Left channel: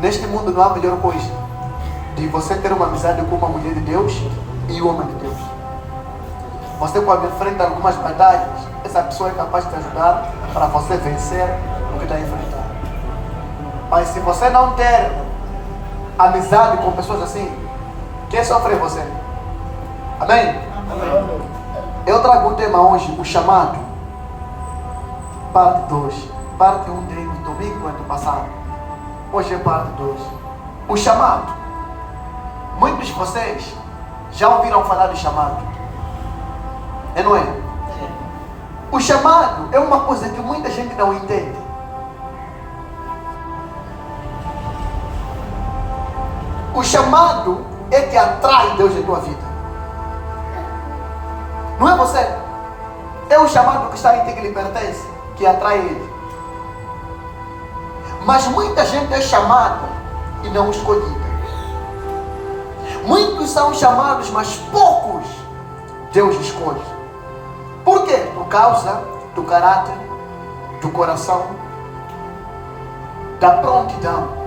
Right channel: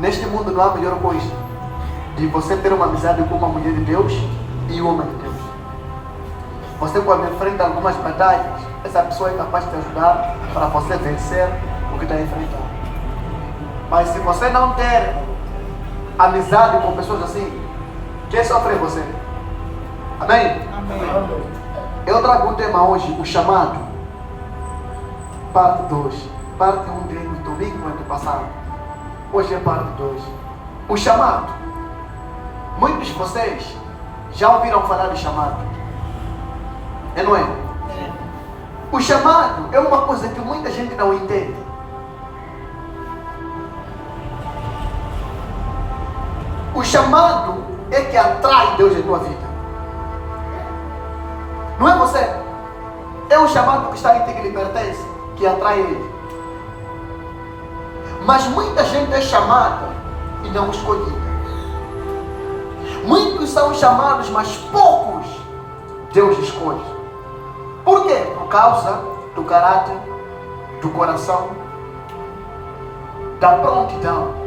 Neste mundo não há melhor coisa de você ter uma amizade com uma mulher de Deus e um homem de Deus. Você quando enfrenta algumas batalhas, essa pessoa é capaz de te ajudar para você vencer o que está enfrentando. Mas se você não ter amizade com pessoas assim, quem sofre é você. Amém? Amém. Eu trago um tema hoje, o chamado, parte 2. Parte 1 dele no domingo antepassado. Hoje é parte 2. O chamado. Muitos de vocês já ouviram falar do chamado. É, não é? O chamado é uma coisa que muita gente não entende. O chamado é que atrai Deus em tua vida. Não é você. É o chamado que está em ti, que lhe pertence, que atrai Ele. Mas muita gente é chamada e não escolhida. Muitos são chamados, mas poucos Deus escolhe. Por quê? Por causa do caráter, do coração, da prontidão.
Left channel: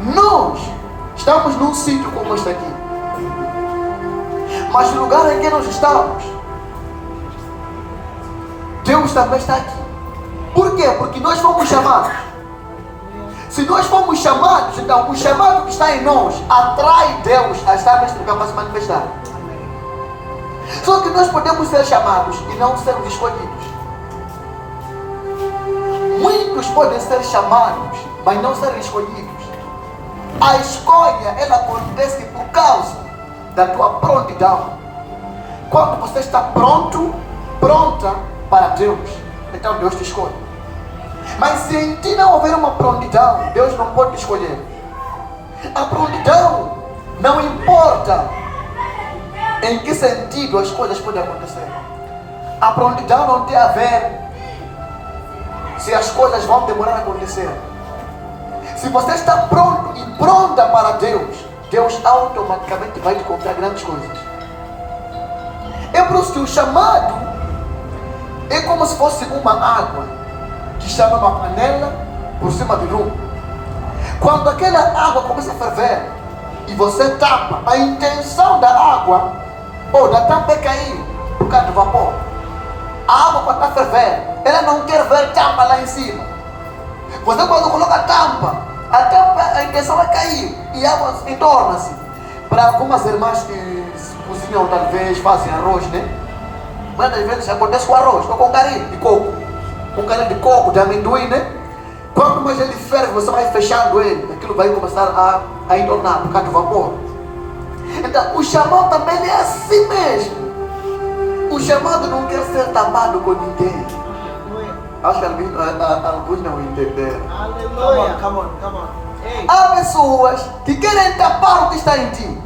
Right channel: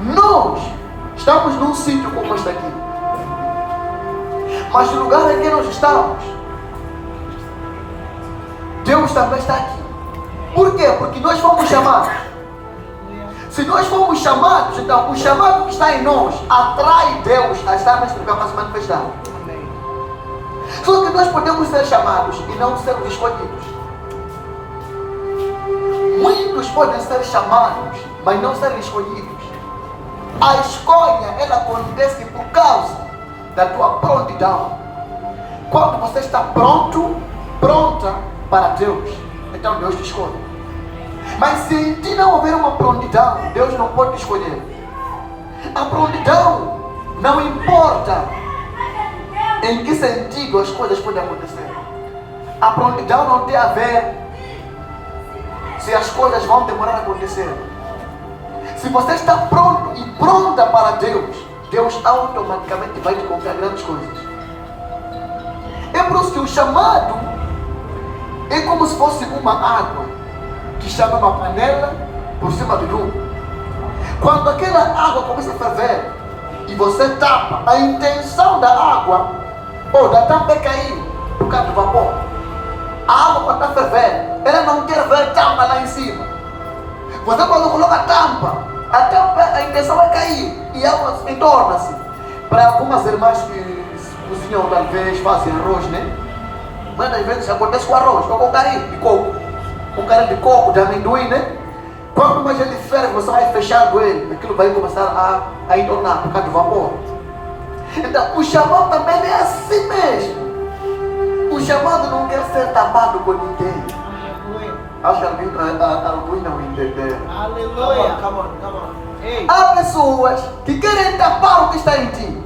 Nós estamos num sítio como este aqui. Mas no lugar em que nós estamos, Deus também está aqui. Por quê? Porque nós fomos chamados. Se nós fomos chamados, então o chamado que está em nós atrai Deus a estar neste lugar para se manifestar. Só que nós podemos ser chamados e não sermos escolhidos. Muitos podem ser chamados, mas não serem escolhidos. A escolha, ela acontece por causa da tua prontidão. Quando você está pronto, pronta para Deus, então Deus te escolhe. Mas se em ti não houver uma prontidão, Deus não pode te escolher. A prontidão não importa em que sentido as coisas podem acontecer. A prontidão não tem a ver se as coisas vão demorar a acontecer. Se você está pronto e pronta para Deus, Deus automaticamente vai te confiar grandes coisas. É por isso que o chamado é como se fosse uma água que chama uma panela por cima do lume. Quando aquela água começa a ferver e você tapa, a intenção da água ou da tampa é cair por causa do vapor. A água quando está a ferver, ela não quer ver tampa lá em cima. Você quando coloca a tampa, a intenção é cair e a água se torna-se. Para algumas irmãs que cozinham, talvez fazem arroz, né? Muitas vezes acontece com arroz, com carinho de coco. Com carinho de coco, de amendoim, né? Quanto mais ele ferve, você vai fechando ele, aquilo vai começar a entornar por causa do vapor. Então, o chamado também é assim mesmo. O chamado não quer ser tapado por ninguém. Acho que alguns não entenderam. Aleluia. Come on. Há pessoas que querem tapar o que está em ti.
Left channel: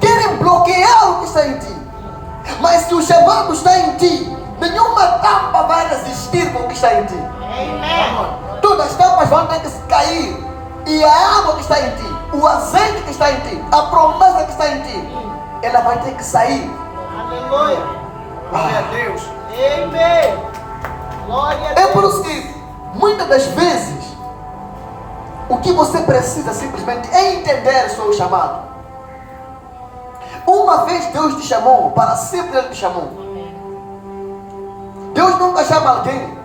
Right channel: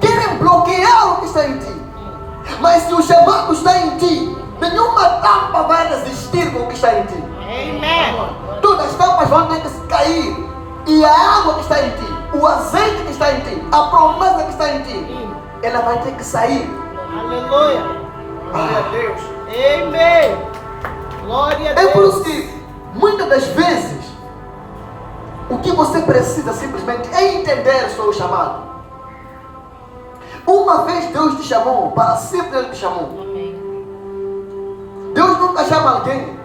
Querem bloquear o que está em ti. Mas se o chamado está em ti, nenhuma tampa vai resistir com o que está em ti. Amém. Todas as tampas vão ter que cair. E a água que está em ti, o azeite que está em ti, a promessa que está em ti, ela vai ter que sair. Aleluia. Glória a Deus. Amém. Glória a Deus. É por isso que, muitas das vezes, o que você precisa simplesmente é entender o seu chamado. Uma vez Deus te chamou, para sempre Ele te chamou. Deus nunca chama alguém,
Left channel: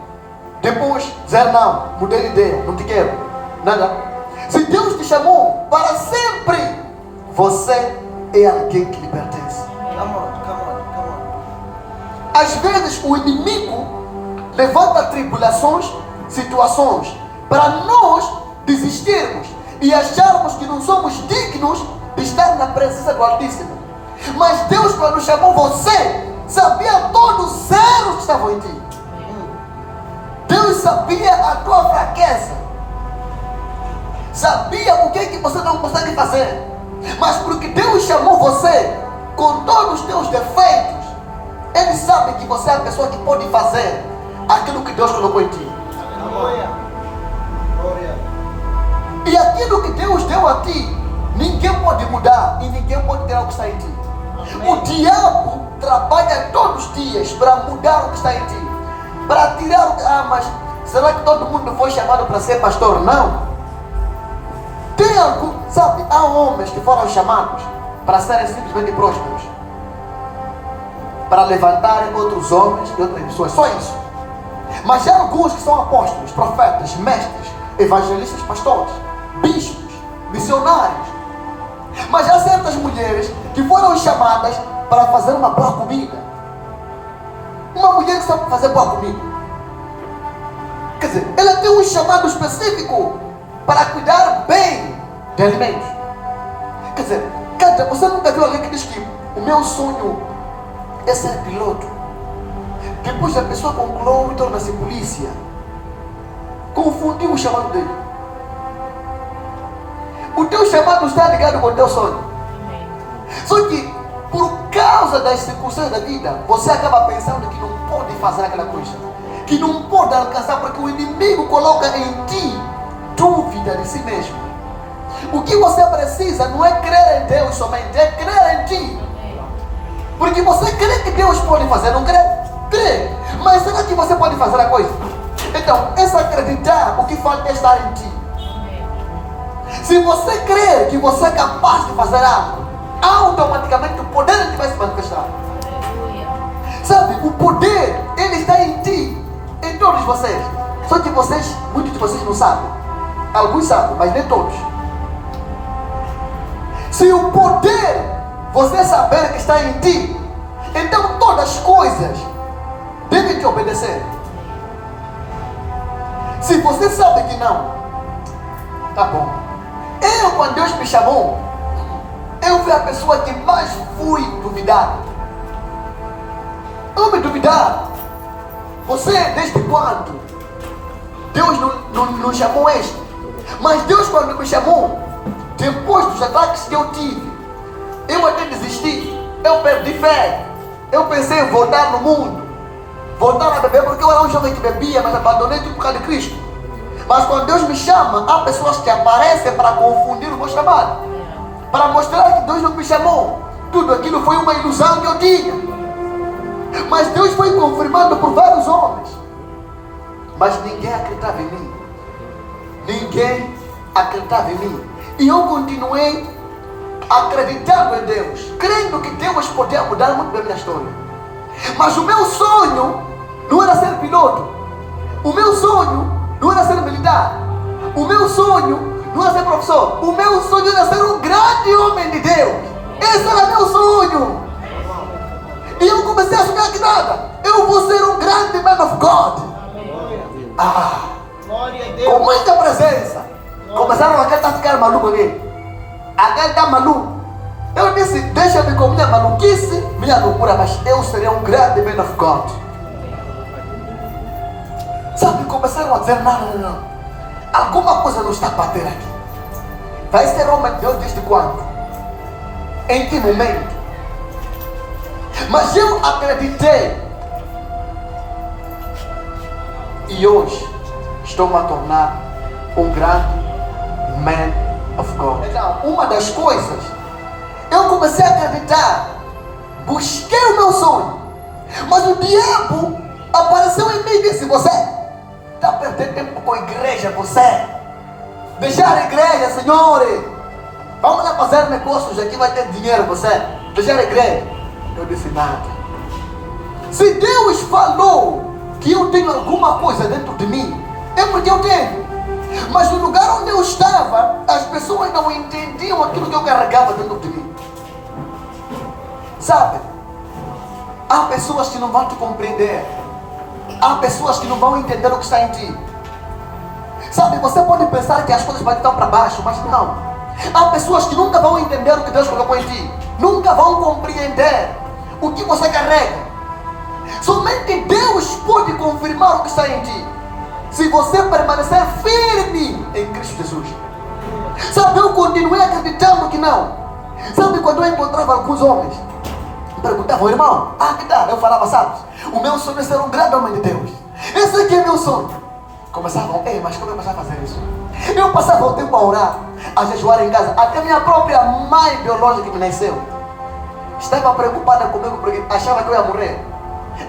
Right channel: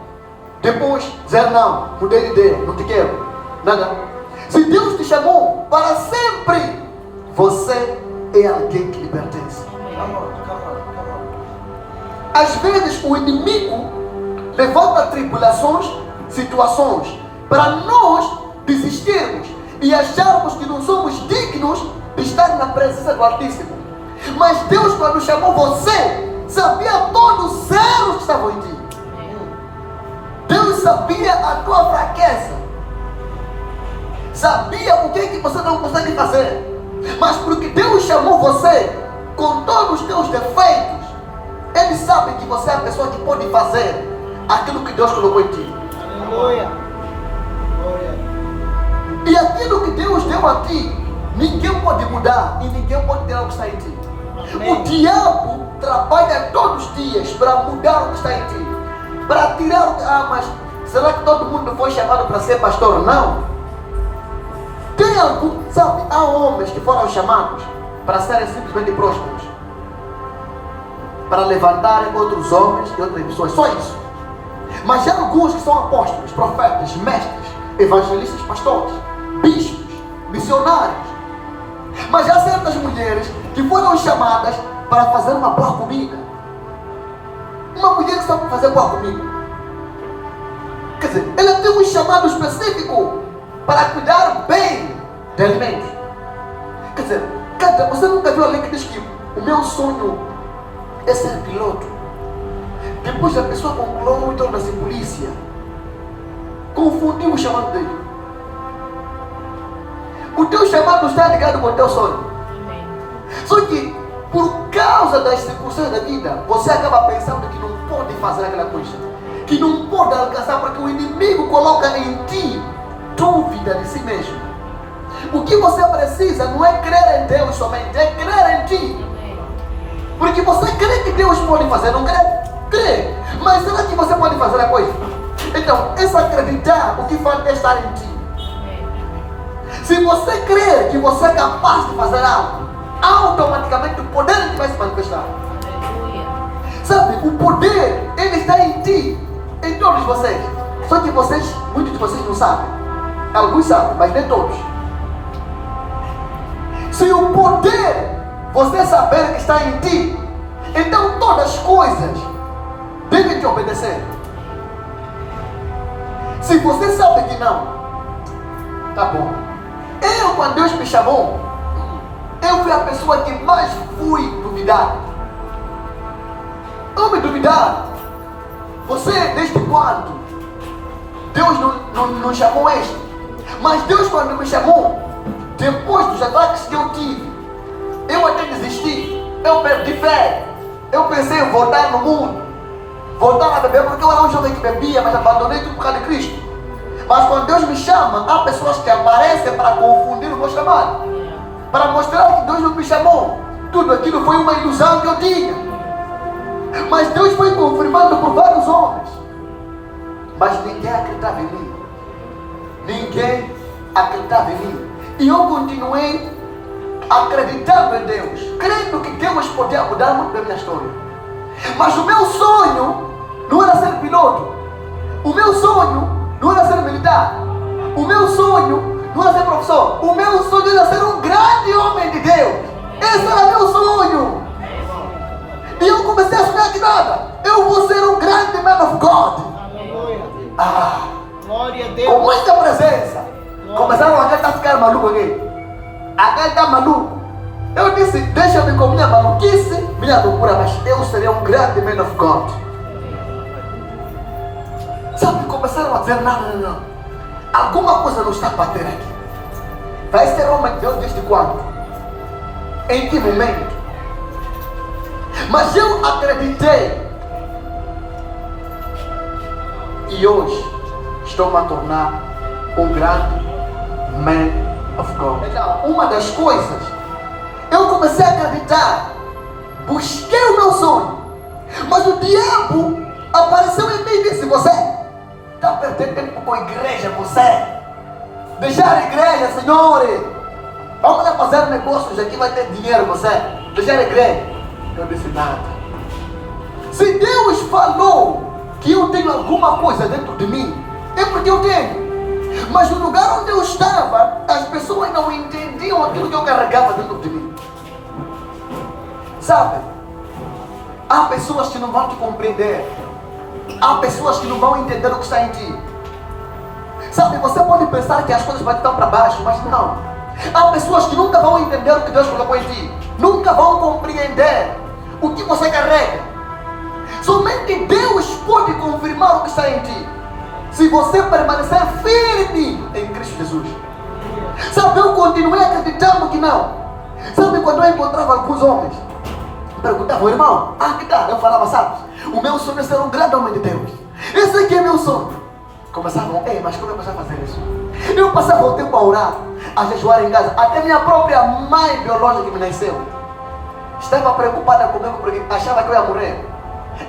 depois dizer não, mudei de ideia, não te quero. Não. Se Deus te chamou, para sempre, você é alguém que lhe pertence. Come on. Às vezes o inimigo levanta tribulações, situações, para nós desistirmos e acharmos que não somos dignos de estar na presença do Altíssimo. Mas Deus, quando chamou você, sabia todos os erros que estavam em ti. Deus sabia a tua fraqueza, sabia o que é que você não consegue fazer. Mas porque Deus chamou você com todos os teus defeitos, Ele sabe que você é a pessoa que pode fazer aquilo que Deus colocou em ti. Aleluia. Glória. E aquilo que Deus deu a ti, ninguém pode mudar e ninguém pode tirar o que está em ti. Amém. O diabo trabalha todos os dias para mudar o que está em ti, para tirar o que... mas Será que todo mundo foi chamado para ser pastor? Não. Tem algum, sabe, há homens que foram chamados para serem simplesmente prósperos, para levantarem outros homens e outras pessoas, só isso. Mas há alguns que são apóstolos, profetas, mestres, evangelistas, pastores, bispos, missionários. Mas há certas mulheres que foram chamadas para fazer uma boa comida. Uma mulher que sabe fazer boa comida, quer dizer, ela tem um chamado específico para cuidar bem de alimentos. Quer dizer, Cátia, você nunca viu alguém que diz que o meu sonho é ser piloto? Depois a pessoa concluiu e torna-se polícia. Confundiu o chamado dele. O teu chamado está ligado com o teu sonho. Só que, por causa das circunstâncias da vida, você acaba pensando que não pode fazer aquela coisa, que não pode alcançar, porque o inimigo coloca em ti dúvida de si mesmo. O que você precisa não é crer em Deus somente, é crer em ti. Porque você crê que Deus pode fazer, não crê? Crê. Mas será que você pode fazer a coisa? Então, esse acreditar, o que falta é estar em ti. Se você crer que você é capaz de fazer algo, automaticamente o poder de Deus vai se manifestar. Sabe, o poder, ele está em ti, em todos vocês. Só que vocês, muitos de vocês não sabem. Alguns sabem, mas nem todos. Se o poder, você saber que está em ti, então todas as coisas devem te obedecer. Se você sabe que não, tá bom. Eu, quando Deus me chamou, eu fui a pessoa que mais fui duvidar. Eu me duvidar. Você, desde quando? Deus não chamou este. Mas Deus, quando me chamou, depois dos ataques que eu tive, eu até desisti. Eu perdi fé. Eu pensei em voltar no mundo, voltar a beber, porque eu era um jovem que bebia, mas abandonei tudo por causa de Cristo. Mas quando Deus me chama, há pessoas que aparecem para confundir o meu chamado, para mostrar que Deus não me chamou. Tudo aquilo foi uma ilusão que eu tinha. Mas Deus foi confirmando por vários homens. Mas ninguém acreditava em mim. Ninguém acreditava em mim. E eu continuei acreditando em Deus, crendo que Deus podia mudar muito da minha história. Mas o meu sonho não era ser piloto. O meu sonho não era ser militar. O meu sonho não era ser professor. O meu sonho era ser um grande homem de Deus. Esse era meu sonho. E eu comecei a sonhar que nada, eu vou ser um grande man of God. Glória a Deus. Com muita presença. Começaram a ficar maluco aqui. Aquele está maluco. Eu disse, deixa-me com minha maluquice, minha loucura, mas eu serei um grande man of God. Sabe, começaram a dizer, não. Alguma coisa não está batendo aqui. Vai ser homem de Deus desde quando? Em que momento? Mas eu acreditei. E hoje estou a tornar um grande man of God. Então, uma das coisas, eu comecei a acreditar, busquei o meu sonho, mas o diabo apareceu em mim e disse, você está perdendo tempo com a igreja, você deixar a igreja, senhores, vamos lá fazer negócios aqui, vai ter dinheiro, você deixar a igreja. Eu disse nada. Se Deus falou que eu tenho alguma coisa dentro de mim, é porque eu tenho. Mas no lugar onde eu estava, as pessoas não entendiam aquilo que eu carregava dentro de mim. Sabe? Há pessoas que não vão te compreender. Há pessoas que não vão entender o que está em ti. Sabe, você pode pensar que as coisas vão estar para baixo, mas não. Há pessoas que nunca vão entender o que Deus colocou em ti. Nunca vão compreender o que você carrega. Somente Deus pode confirmar o que está em ti, se você permanecer firme em Cristo Jesus. Sabe, eu continuei acreditando que não. Sabe, quando eu encontrava alguns homens, me perguntavam, irmão, que tal? Eu falava, sabe, o meu sonho é ser um grande homem de Deus. Esse aqui é meu sonho. Começavam, mas como eu passava a fazer isso? Eu passava o tempo a orar, a jejuar em casa. Até minha própria mãe biológica que me nasceu estava preocupada comigo porque achava que eu ia morrer.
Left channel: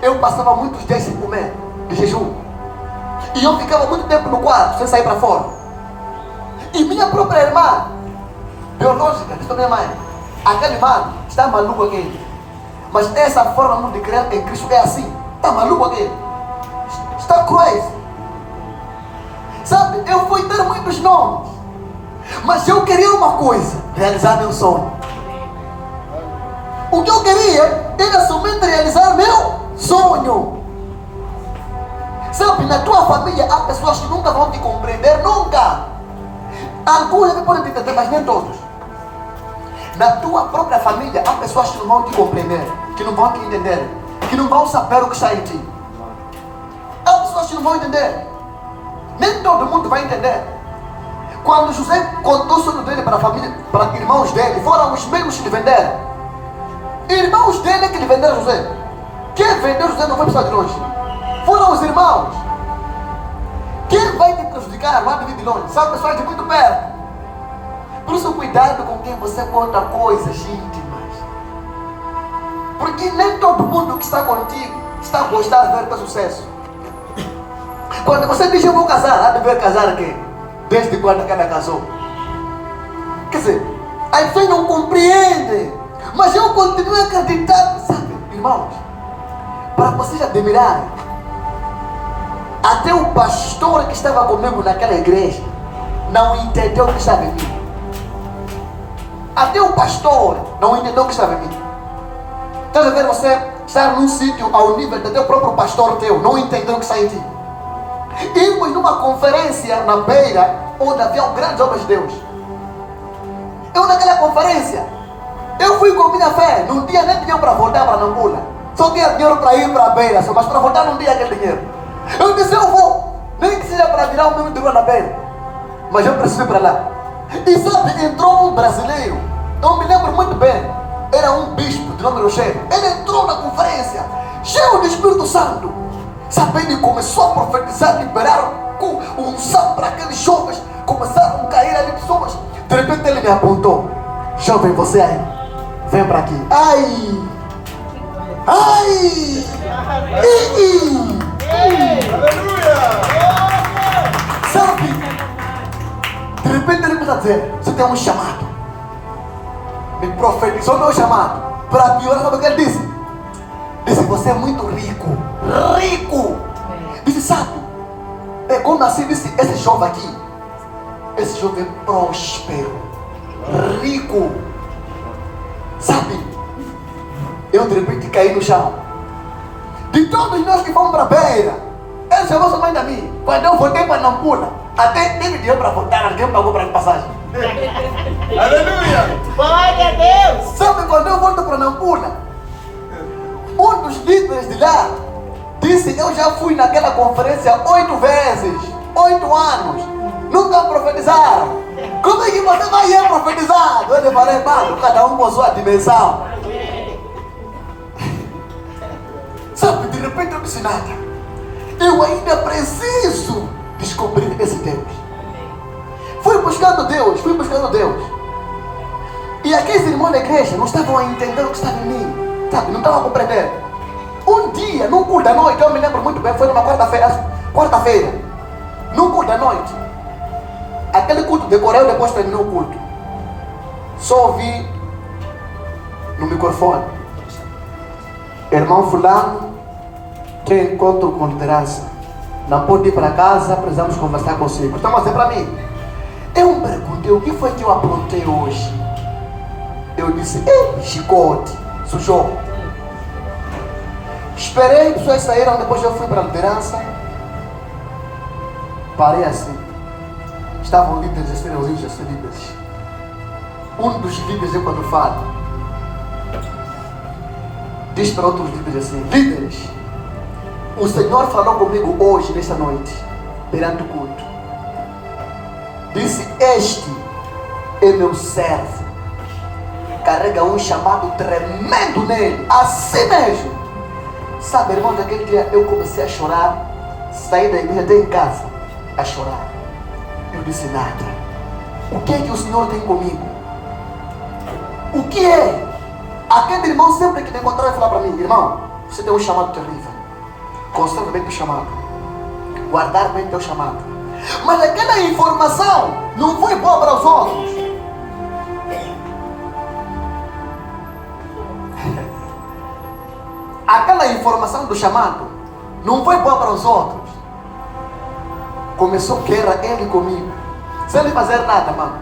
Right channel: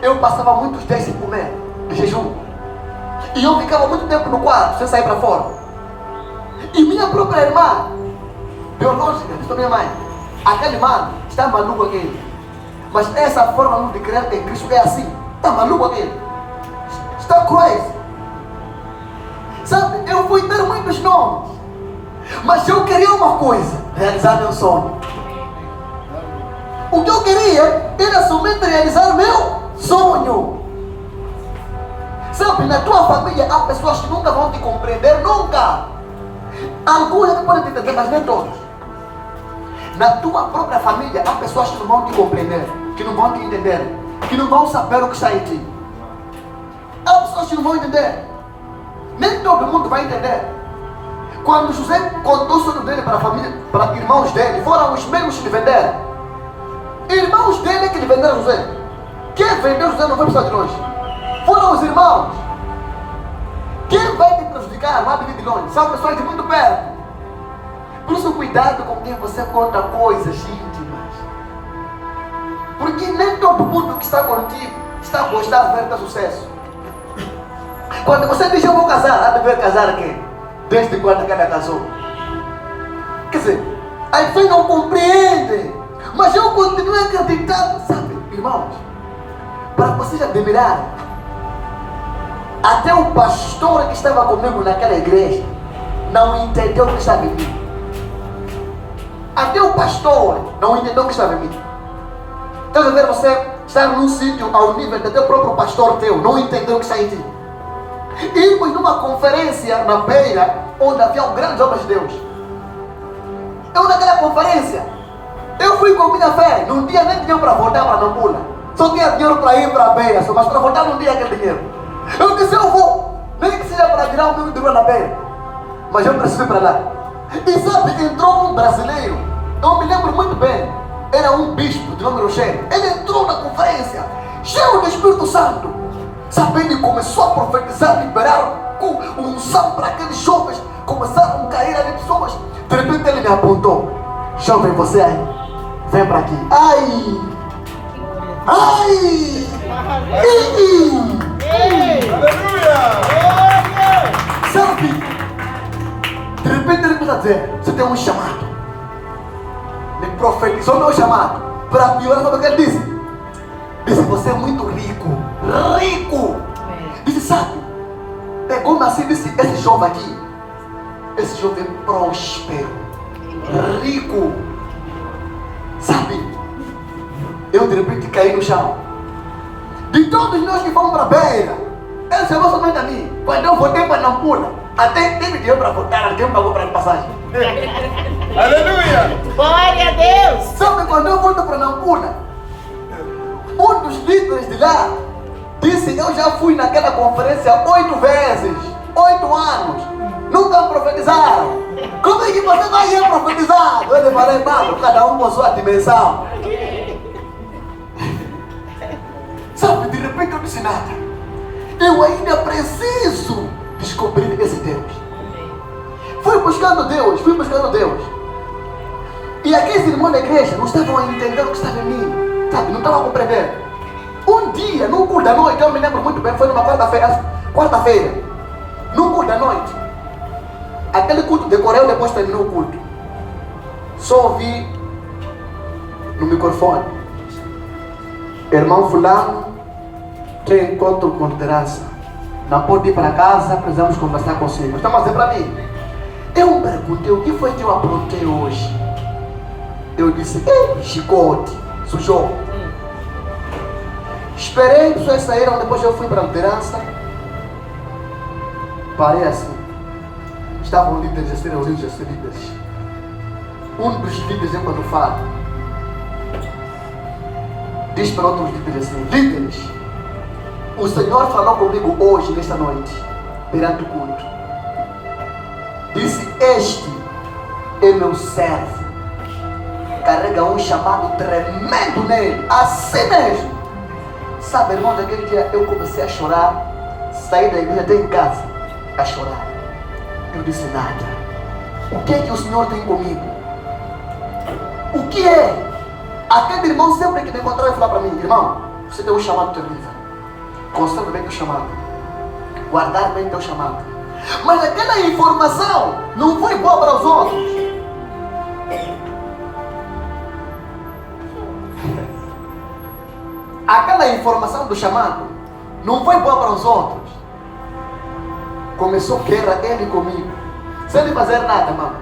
Eu passava muitos dias sem comer, de jejum. E eu ficava muito tempo no quarto, sem sair para fora. E minha própria irmã, biológica, disse para minha mãe, aquele mano está maluco aquele. Mas essa forma de crer em Cristo é assim. Está maluco aquele. Está crazy. Sabe, eu fui ter muitos nomes. Mas eu queria uma coisa, realizar meu sonho. O que eu queria era somente realizar meu sonho. Sabe, na tua família há pessoas que nunca vão te compreender, nunca. Alguns podem te entender, mas nem todos. Na tua própria família há pessoas que não vão te compreender, que não vão te entender, que não vão saber o que está em ti. Há pessoas que não vão entender. Nem todo mundo vai entender. Quando José contou o sonho dele para a família, para irmãos dele, foram os mesmos que lhe venderam. Irmãos dele que lhe venderam José. Quem vendeu José não foi pessoa de longe. Foram os irmãos. Quem vai te prejudicar lá de vir de longe? São pessoas de muito perto. Por isso, cuidado com quem você conta coisas íntimas. Porque nem todo mundo que está contigo está a gostar de ver teu sucesso. Quando você diz eu vou casar, há de ver casar quem? Desde quando cada casou. Quer dizer, as pessoas não compreendem. Mas eu continuo acreditando, sabe, irmãos? Para vocês admirarem, até o pastor que estava comigo naquela igreja não entendeu o que estava em mim. Até o pastor não entendeu o que estava em mim. Então, ver você estar num sítio ao nível de teu próprio pastor teu, não entendeu o que está em ti. Irmos numa conferência na beira, onde havia grandes obras de Deus. Eu naquela conferência, eu fui com minha fé, não tinha nem dinheiro para voltar para Nampula. Só tinha dinheiro para ir para a beira, mas para voltar não tinha aquele dinheiro. Eu disse, eu vou, nem que seja para virar o meu dinheiro na beira. Mas eu preciso ir para lá. E sabe, entrou um brasileiro, eu me lembro muito bem, era um bispo de nome Rocheiro. Ele entrou na conferência, cheio do Espírito Santo. Sabe, ele começou a profetizar, liberar unção para aqueles jovens. Começaram a cair ali pessoas. De repente ele me apontou, jovem, você aí, vem para aqui. Ai! Ai! Aleluia! Sabe? De repente ele começa a dizer, você tem um chamado. Me profetizou meu chamado. Para piorar, sabe o que ele disse? Disse, você é muito rico. Rico! Disse, sabe? Pegou nascido, disse, esse jovem aqui, esse jovem próspero, rico. Sabe? Eu de repente caí no chão. De todos nós que fomos para a beira, ele chamou somente a mim. Quando eu voltei para Nampula, até teve dinheiro para voltar, alguém pagou para a passagem. Aleluia! Glória a Deus! Sabe, quando eu volto para Nampula, um dos líderes de lá disse, eu já fui naquela conferência 8 vezes, 8 anos, nunca profetizaram. Como é que você vai profetizar? Eu falei, mano, cada um com sua dimensão. Sabe, de repente eu disse nada. Eu ainda preciso descobrir esse Deus. Fui buscando Deus. E aqueles irmãos da igreja não estavam a entender o que estava em mim. Sabe, não estavam a compreender. Um dia, num culto da noite, eu me lembro muito bem, foi numa quarta-feira, num culto da noite. Aquele culto decorreu, depois terminou o culto. Só ouvi no microfone, irmão fulano, tem encontro com liderança. Não pode ir para casa, precisamos conversar consigo. Estão a dizer para mim. Eu me perguntei, o que foi que eu aprontei hoje? Eu disse, chicote, sujou. Esperei, pessoas saíram, depois eu fui para a liderança. Parei assim. Estavam líderes a serem ouvidos, a ser líderes. Um dos líderes, quando fala, diz para outros líderes assim, líderes, o Senhor falou comigo hoje, nesta noite, perante o culto. Disse, este é meu servo. Carrega um chamado tremendo nele, assim mesmo. Sabe, irmão, naquele dia eu comecei a chorar, saí da igreja até em casa, a chorar. Eu disse, nada. O que é que o Senhor tem comigo? O que é? Aquele irmão sempre que me encontrava e falava para mim, irmão, você tem um chamado terrível. Conserva bem o chamado. guardar bem teu chamado. Mas aquela informação não foi boa para os outros. Aquela informação do chamado não foi boa para os outros. Começou guerra ele comigo, sem ele fazer nada, mano.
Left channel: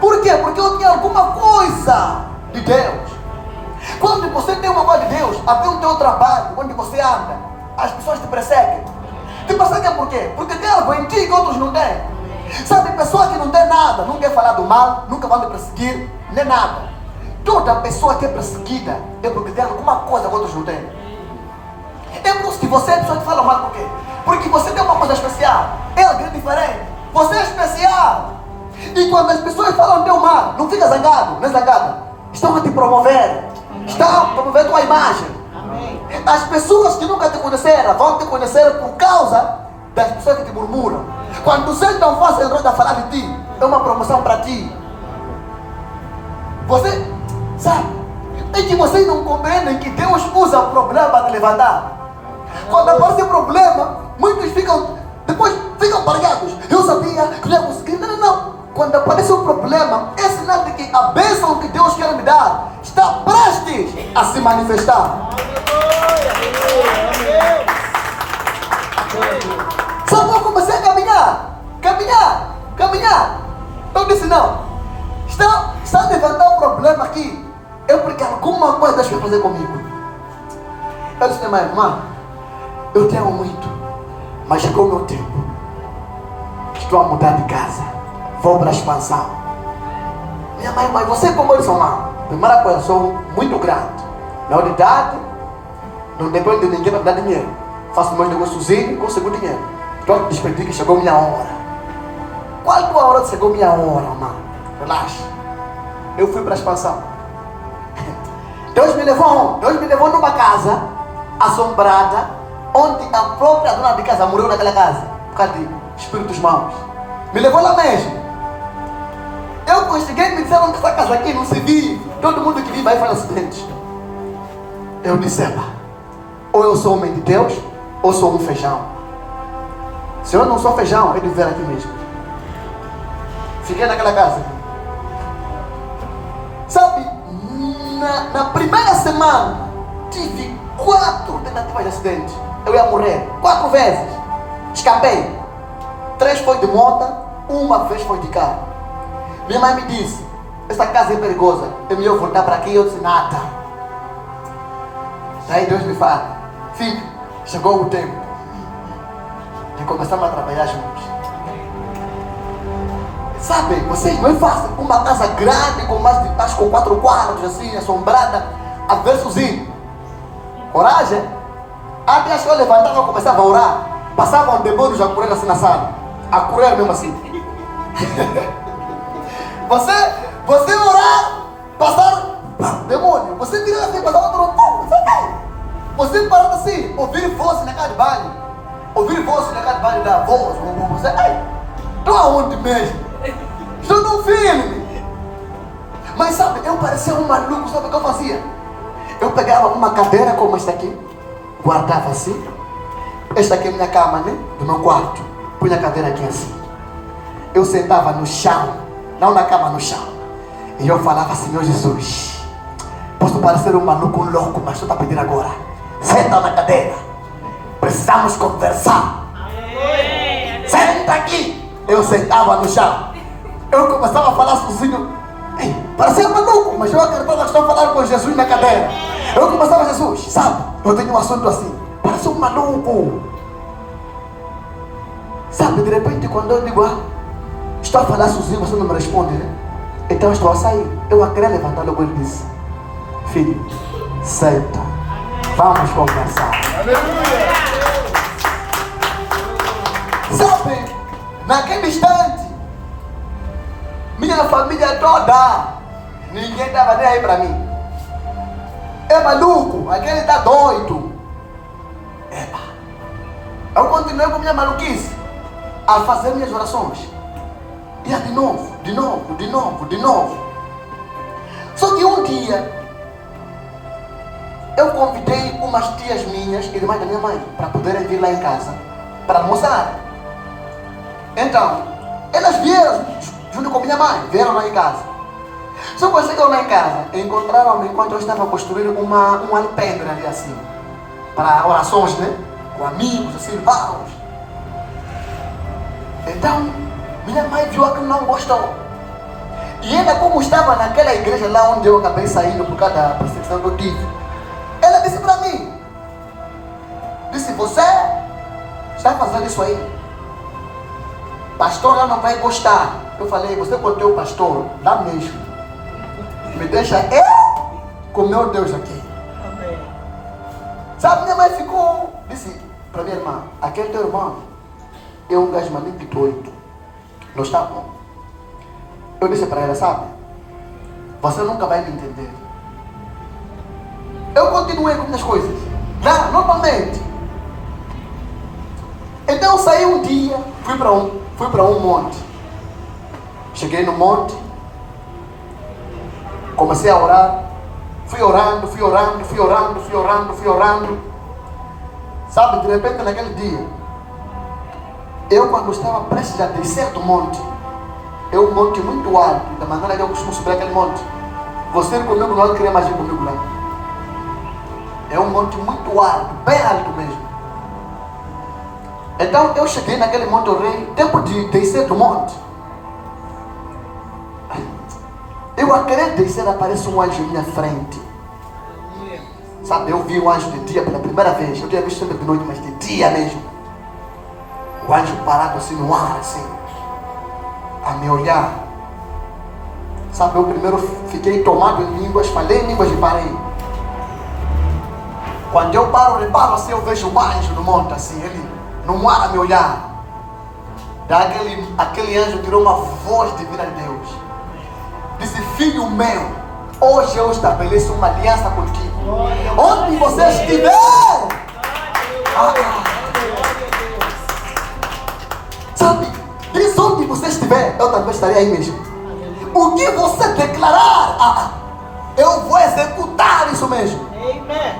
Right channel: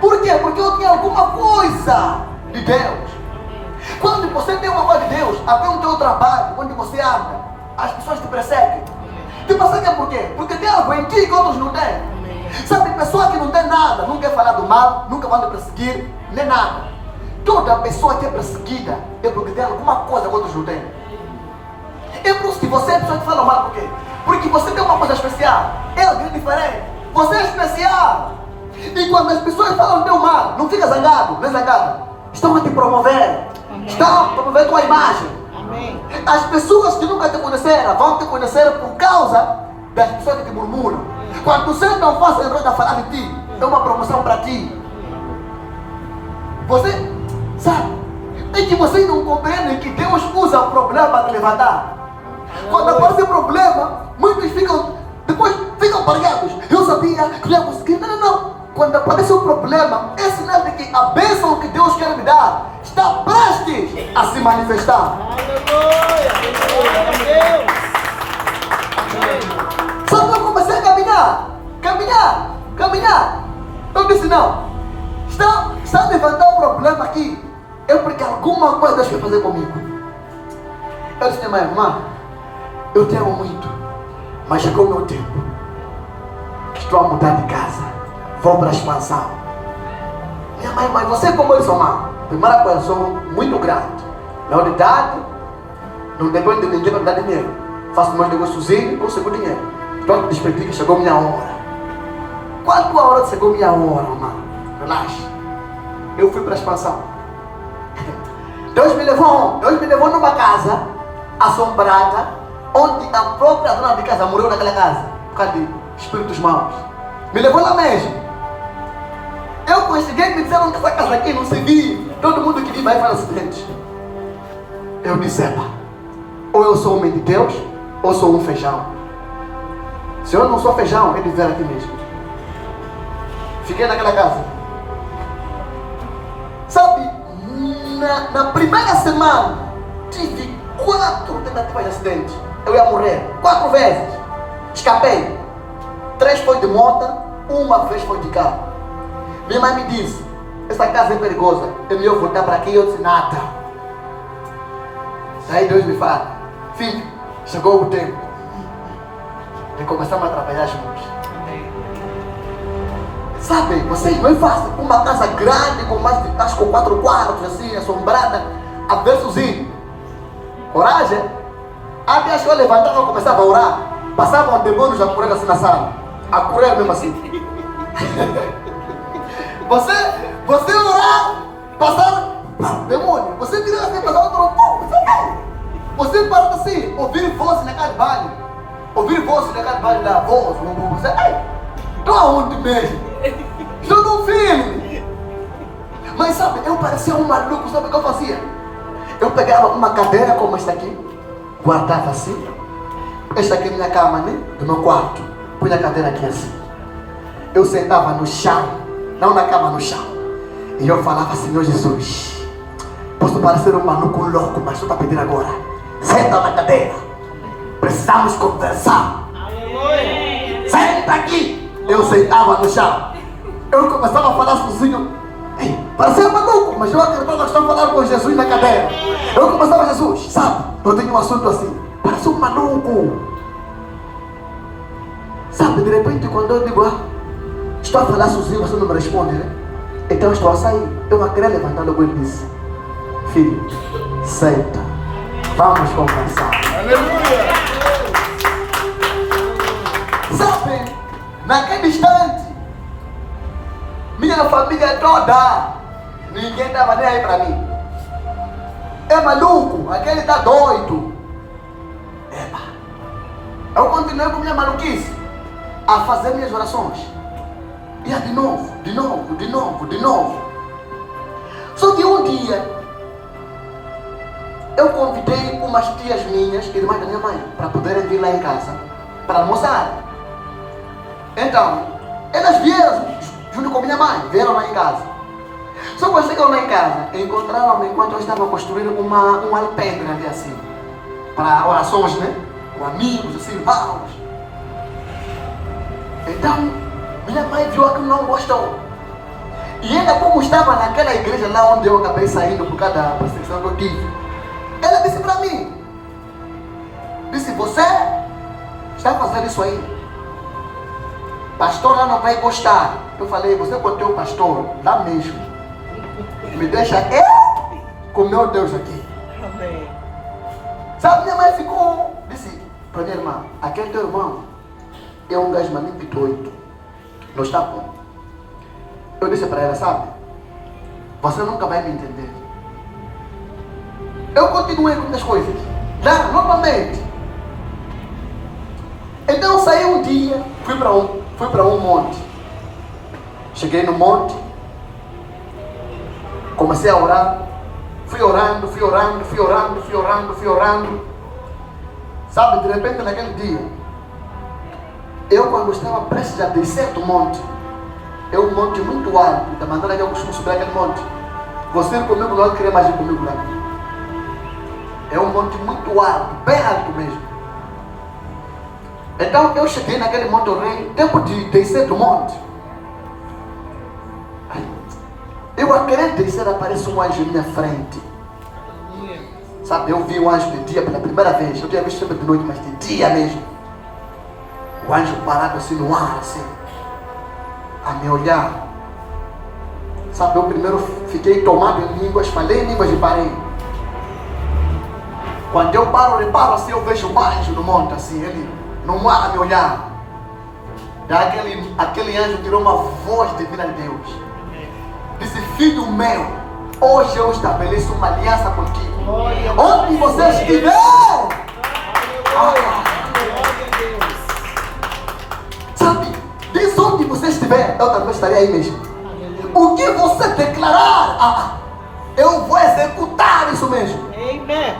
Por quê? Porque eu tinha alguma coisa de Deus. Quando você tem uma coisa de Deus, até o teu trabalho, onde você anda, as pessoas te perseguem. Te perseguem por quê? Porque tem algo em ti que outros não têm. Sabe, pessoa que não tem nada, não quer falar do mal, nunca vai me perseguir, nem nada. Toda pessoa que é perseguida é porque tem alguma coisa que outros não têm. É por isso que você é a pessoa que fala mal, por quê? Porque você tem uma coisa especial. É algo diferente. Você é especial. E quando as pessoas falam teu mal, não fica zangado, não é zangado. Estão a te promover. Estão a promover a tua imagem. Amém. As pessoas que nunca te conheceram vão te conhecer por causa das pessoas que te murmuram. Quando sentam você em roda a falar de ti, é uma promoção para ti. Você sabe, é que vocês não compreendem que Deus usa o problema para te levantar. Quando aparece problema, muitos depois ficam parados. Eu sabia que ia conseguir. Não. Quando aparece um problema, é sinal de que a bênção que Deus quer me dar está prestes a se manifestar. Só que eu comecei a caminhar. Eu disse, não, está a levantar um problema aqui. É porque alguma coisa Deus quer fazer comigo. Eu disse, minha irmã, eu te amo muito, mas chegou o meu tempo. Estou a mudar de casa, vou para a expansão. Minha mãe, mas você como eu sou mãe? Primeira coisa, sou muito grato. Na unidade, não depende de ninguém para me dar dinheiro. Faço meus negócios sozinho, consigo dinheiro. Estou a despedir que chegou a minha hora. Qual a tua hora que chegou a minha hora, irmão? Relaxa. Eu fui para a expansão. Deus me levou numa casa assombrada, onde a própria dona de casa morreu naquela casa, por causa de espíritos maus. Me levou lá mesmo. Eu consegui me dizer que essa casa aqui não se vive. Todo mundo que vive vai falar o seguinte. Eu disse, ou eu sou homem de Deus, ou sou um feijão. Se eu não sou feijão, ele viver aqui mesmo. Fiquei naquela casa. Sabe, na primeira semana, tive 4 tentativas de acidente. Eu ia morrer 4 vezes. Escapei. 3 foi de moto, 1 vez foi de carro. Minha mãe me disse, essa casa é perigosa, é melhor voltar para aqui. Eu disse, nada. Daí Deus me fala, filho, chegou o tempo de começarmos a trabalhar juntos. Sabe, vocês não é fácil. Uma casa grande, com mais de, acho que 4 quartos, assim, assombrada, a ver sozinho. Coragem? Até acho que eu levantava e começava a orar. Passavam demônios a correr assim na sala. A correr mesmo assim. Você orar, passar demônio. Você virar assim, passar outro pouco, você cai. Você para assim, ouvir vozes na casa de baile. Ouvir vozes na casa de baile da voz, você cai. Estou aonde mesmo? Estou num filme. Mas sabe, eu parecia um maluco, sabe o que eu fazia? Eu pegava uma cadeira como esta aqui, guardava assim. Esta aqui é minha cama, né? Do meu quarto. Punha a cadeira aqui assim. Eu sentava no chão, não na cama, no chão. E eu falava, Senhor Jesus, posso parecer um maluco louco, mas estou a pedir agora. Senta na cadeira. Precisamos conversar. Senta aqui. Eu sentava no chão. Eu começava a falar sozinho. Parecia um maluco, mas eu acreditava que estava falando com Jesus na cadeira. Eu começava, Jesus, sabe? Eu tenho um assunto assim. Parece um maluco. Sabe, de repente, quando eu digo, estou a falar sozinho, você não me responde, né? Então eu estou a sair. Eu a querer levantar logo, ele disse, filho, senta. Vamos conversar. Aleluia! Sabe, naquele instante, minha família toda, ninguém estava nem aí para mim. É maluco, aquele está doido. Eu continuei com minha maluquice, a fazer minhas orações. E de novo. Só que um dia, eu convidei um umas tias minhas, irmãs da minha mãe, para poderem vir lá em casa, para almoçar. Então, elas vieram junto com minha mãe, vieram lá em casa. Só que quando chegaram lá em casa, encontraram-me enquanto eu estava construindo um alpendre ali assim, para orações, né? Com amigos, assim, vários. Então, minha mãe viu aquilo, não gostou. E ela, como estava naquela igreja lá onde eu acabei saindo por causa da perseguição que eu tive, ela disse para mim, disse, você está fazendo isso aí, pastor lá não vai gostar. Eu falei, você com o teu pastor, lá mesmo, me deixa com o meu Deus aqui. Amém. Sabe, minha mãe ficou, disse para minha irmã, aquele teu irmão é um gajo maníaco doido, não está bom. Eu disse para ela, sabe, você nunca vai me entender. Eu continuei com muitas coisas, já, novamente. Então eu saí um dia, fui para um monte. Cheguei no monte, comecei a orar, fui orando. Sabe, de repente naquele dia, eu quando estava prestes a descer do monte, é um monte muito alto, da maneira que eu costumo subir aquele monte. Você ir comigo não queria mais ir comigo lá. É um monte muito alto, bem alto mesmo. Então eu cheguei naquele monte, orei, tempo de descer do monte. Eu a querer descer, aparece um anjo à minha frente. Sabe, eu vi um anjo de dia pela primeira vez. Eu tinha visto sempre de noite, mas de dia mesmo. O anjo parado assim no ar, assim, a me olhar. Sabe, eu primeiro fiquei tomado em línguas, falei em línguas e parei. Quando eu reparo assim, eu vejo um anjo no monte, assim, ele no ar a me olhar. Daí aquele anjo tirou uma voz divina de Deus. Disse, filho meu, hoje eu estabeleço uma aliança contigo. Onde você estiver, sabe, diz onde você estiver, eu também estarei aí mesmo. O que você declarar, eu vou executar isso mesmo. Amen.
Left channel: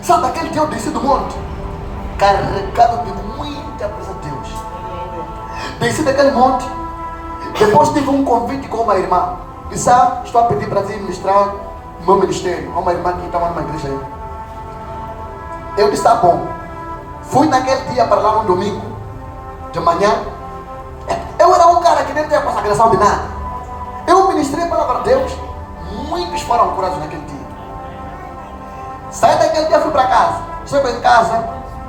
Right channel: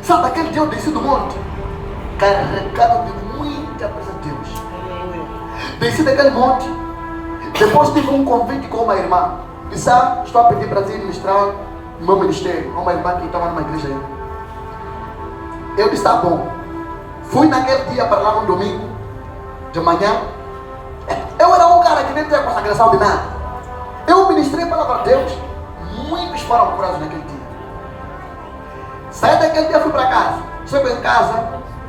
Sabe, aquele dia eu desci do monte, carregado de muita coisa de Deus. Desci daquele monte, depois tive um convite com uma irmã. Disse, estou a pedir para vir ministrar no meu ministério. Uma irmã que estava numa igreja aí. Eu disse, tá bom. Fui naquele dia para lá no domingo, de manhã. Eu era um cara que nem tinha consagração de nada. Eu ministrei a palavra de Deus. Muitos foram curados naquele dia. Saí daquele dia, fui para casa. Chego em casa,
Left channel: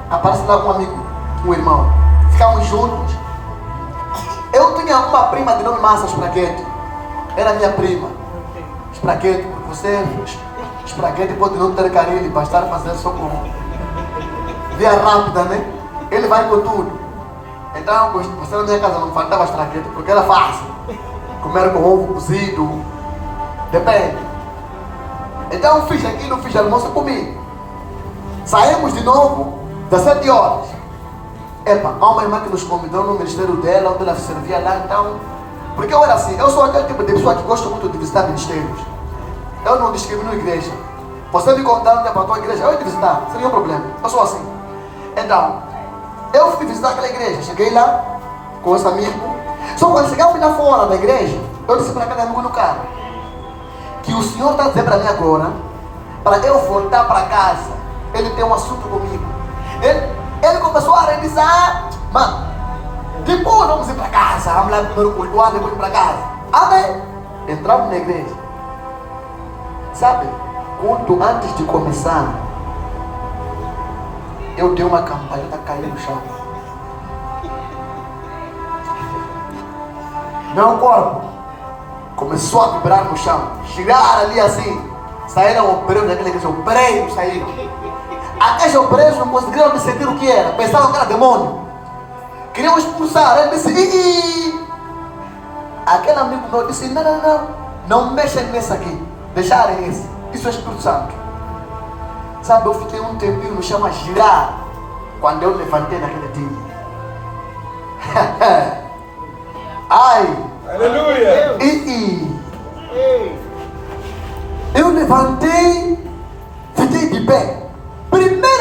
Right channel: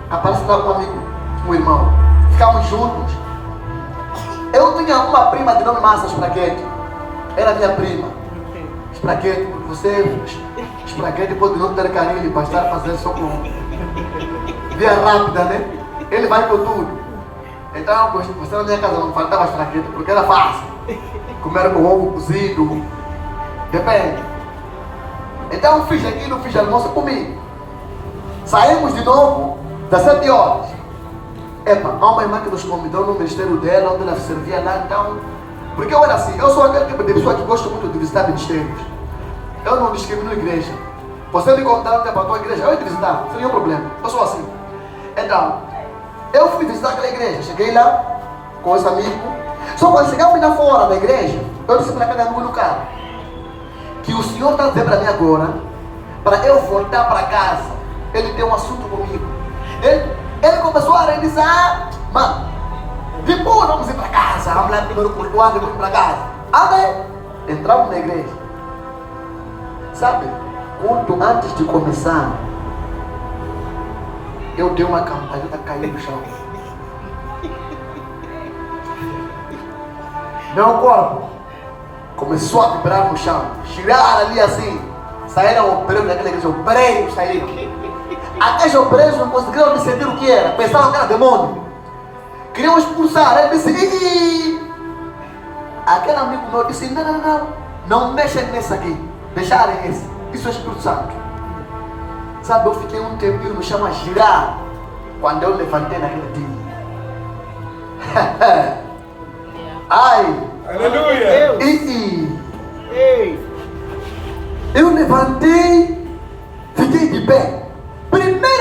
aparece lá um amigo, um irmão. Ficamos juntos. Eu tinha uma prima de nome Massa Spraguete. Era minha prima. Spraguete, você, Spraguete pode não ter carinho para estar fazendo socorro. Via rápida, né? Ele vai com tudo. Então, você na minha casa não faltava Spraguete, porque era fácil. Comer com ovo cozido. Depende. Então, fiz aquilo, fiz almoço comigo. Saímos de novo, 17 horas. Epa, há uma irmã que nos convidou no ministério dela, onde ela servia lá, então. Porque eu era assim, eu sou aquele tipo de pessoa que gosta muito de visitar ministérios. Eu não discrimino a igreja. Você me contar onde é para a tua igreja, eu ia te visitar, não tem problema. Eu sou assim. Então, eu fui visitar aquela igreja, cheguei lá com os amigos. Só quando chegamos lá fora da igreja, eu disse para cada amigo no carro que o Senhor está dizendo para mim agora, para eu voltar para casa. Ele tem um assunto comigo. Ele começou a dizer, mano, depois vamos ir para casa. Vamos lá primeiro cultuar, depois para casa. Amém. Entramos na igreja. Sabe, quando antes de começar, eu dei uma campanheta, caí no chão. Meu corpo começou a vibrar no chão, girar ali assim. Saíram obreiros daquela igreja, obreiros saíram. Aqueles obreiros não conseguiram discernir o que era, pensavam que era demônio. Queriam expulsar. Ele disse, ih! Aquele amigo meu disse, não mexem nesse aqui, deixarem esse, isso é Espírito Santo. Sabe, eu fiquei um tempinho no chão a girar, quando eu levantei naquele dia. Ai! Aleluia! Eu levantei, fiquei de pé. Primeiro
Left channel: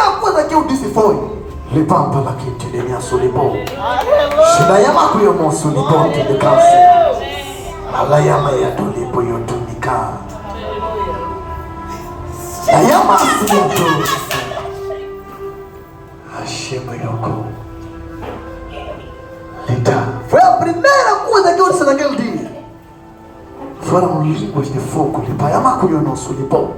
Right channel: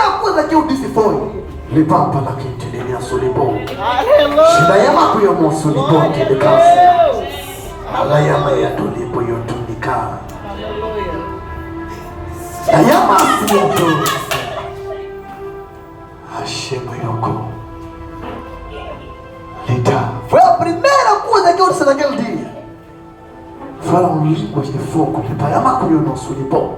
foi? Levanta lá que te dê minha solipo. Aleluia. Shidayama kuyo mo solipo Glória te de casa. a Deus. Alayama ya tulipo yo tunika. Aleluia. Dayama solipo. Hashema yoko. Lita. Foi a primeira coisa que eu disse naquele dia. Foram línguas de fogo. Dayama kuyo no solipo.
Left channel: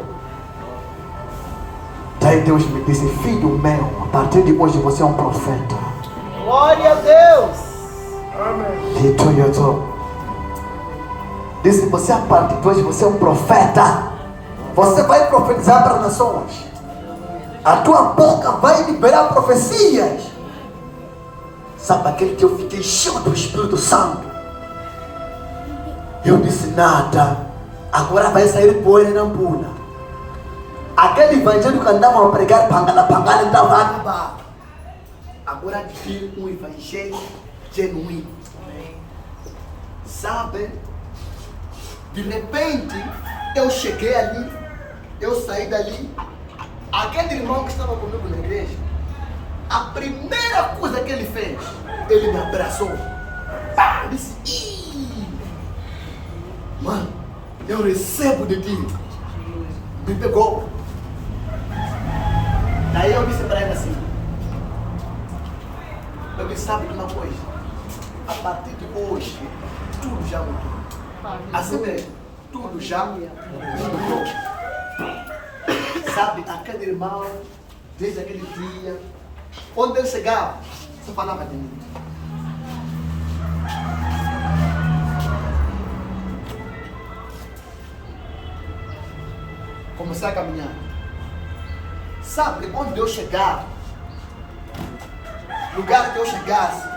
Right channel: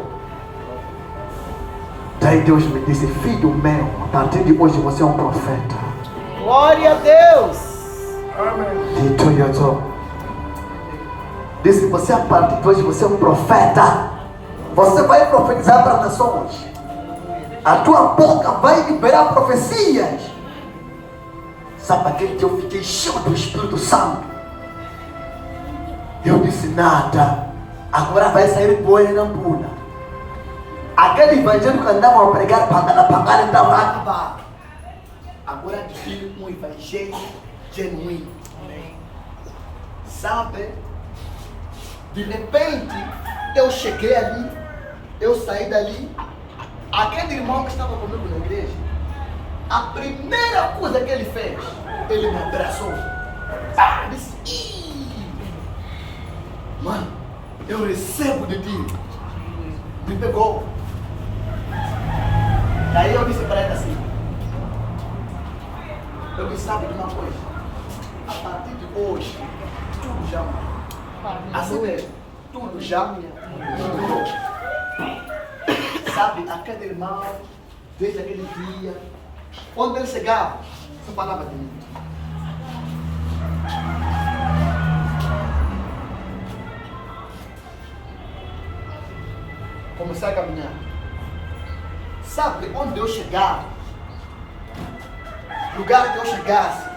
Daí Deus me disse, filho meu, a partir de hoje você é um profeta. Glória a Deus. Disse, você a partir de hoje você é um profeta. Você vai profetizar para as nações. A tua boca vai liberar profecias. Sabe, aquele dia eu fiquei cheio do Espírito Santo. Eu disse, nada. Agora vai sair poeira e não pula. Aquele evangelho que andavam a pregar, pangada, estava a acabar. Agora tem um evangelho genuíno. Sabe? De repente, eu cheguei ali, eu saí dali. Aquele irmão que estava comigo na igreja, a primeira coisa que ele fez, ele me abraçou. Eu disse, ih, mãe, eu recebo de ti. Me pegou. Daí eu disse para ele assim, eu disse, sabe de uma coisa? A partir de hoje, tudo já mudou. Assim mesmo, tudo já mudou. Sabe, aquele irmão, desde aquele dia, onde ele chegava, só falava de mim. Comecei a caminhar. Sabe, onde eu chegava, lugar que eu chegasse,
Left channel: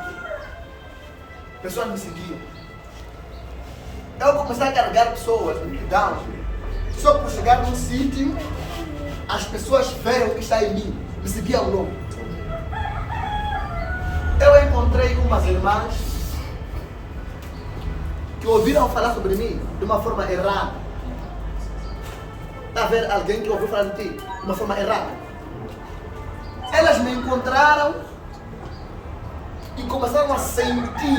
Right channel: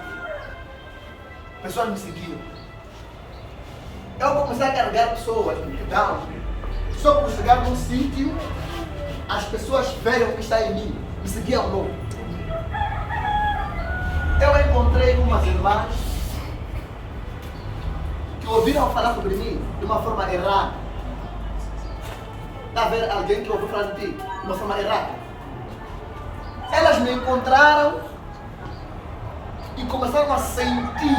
pessoas me seguiam. Eu comecei a carregar pessoas, multidão. Só por chegar num sítio, as pessoas veem o que está em mim, me seguiam logo. Eu encontrei umas irmãs que ouviram falar sobre mim de uma forma errada. Está a ver alguém que ouviu falar de ti de uma forma errada? Elas me encontraram e começaram a sentir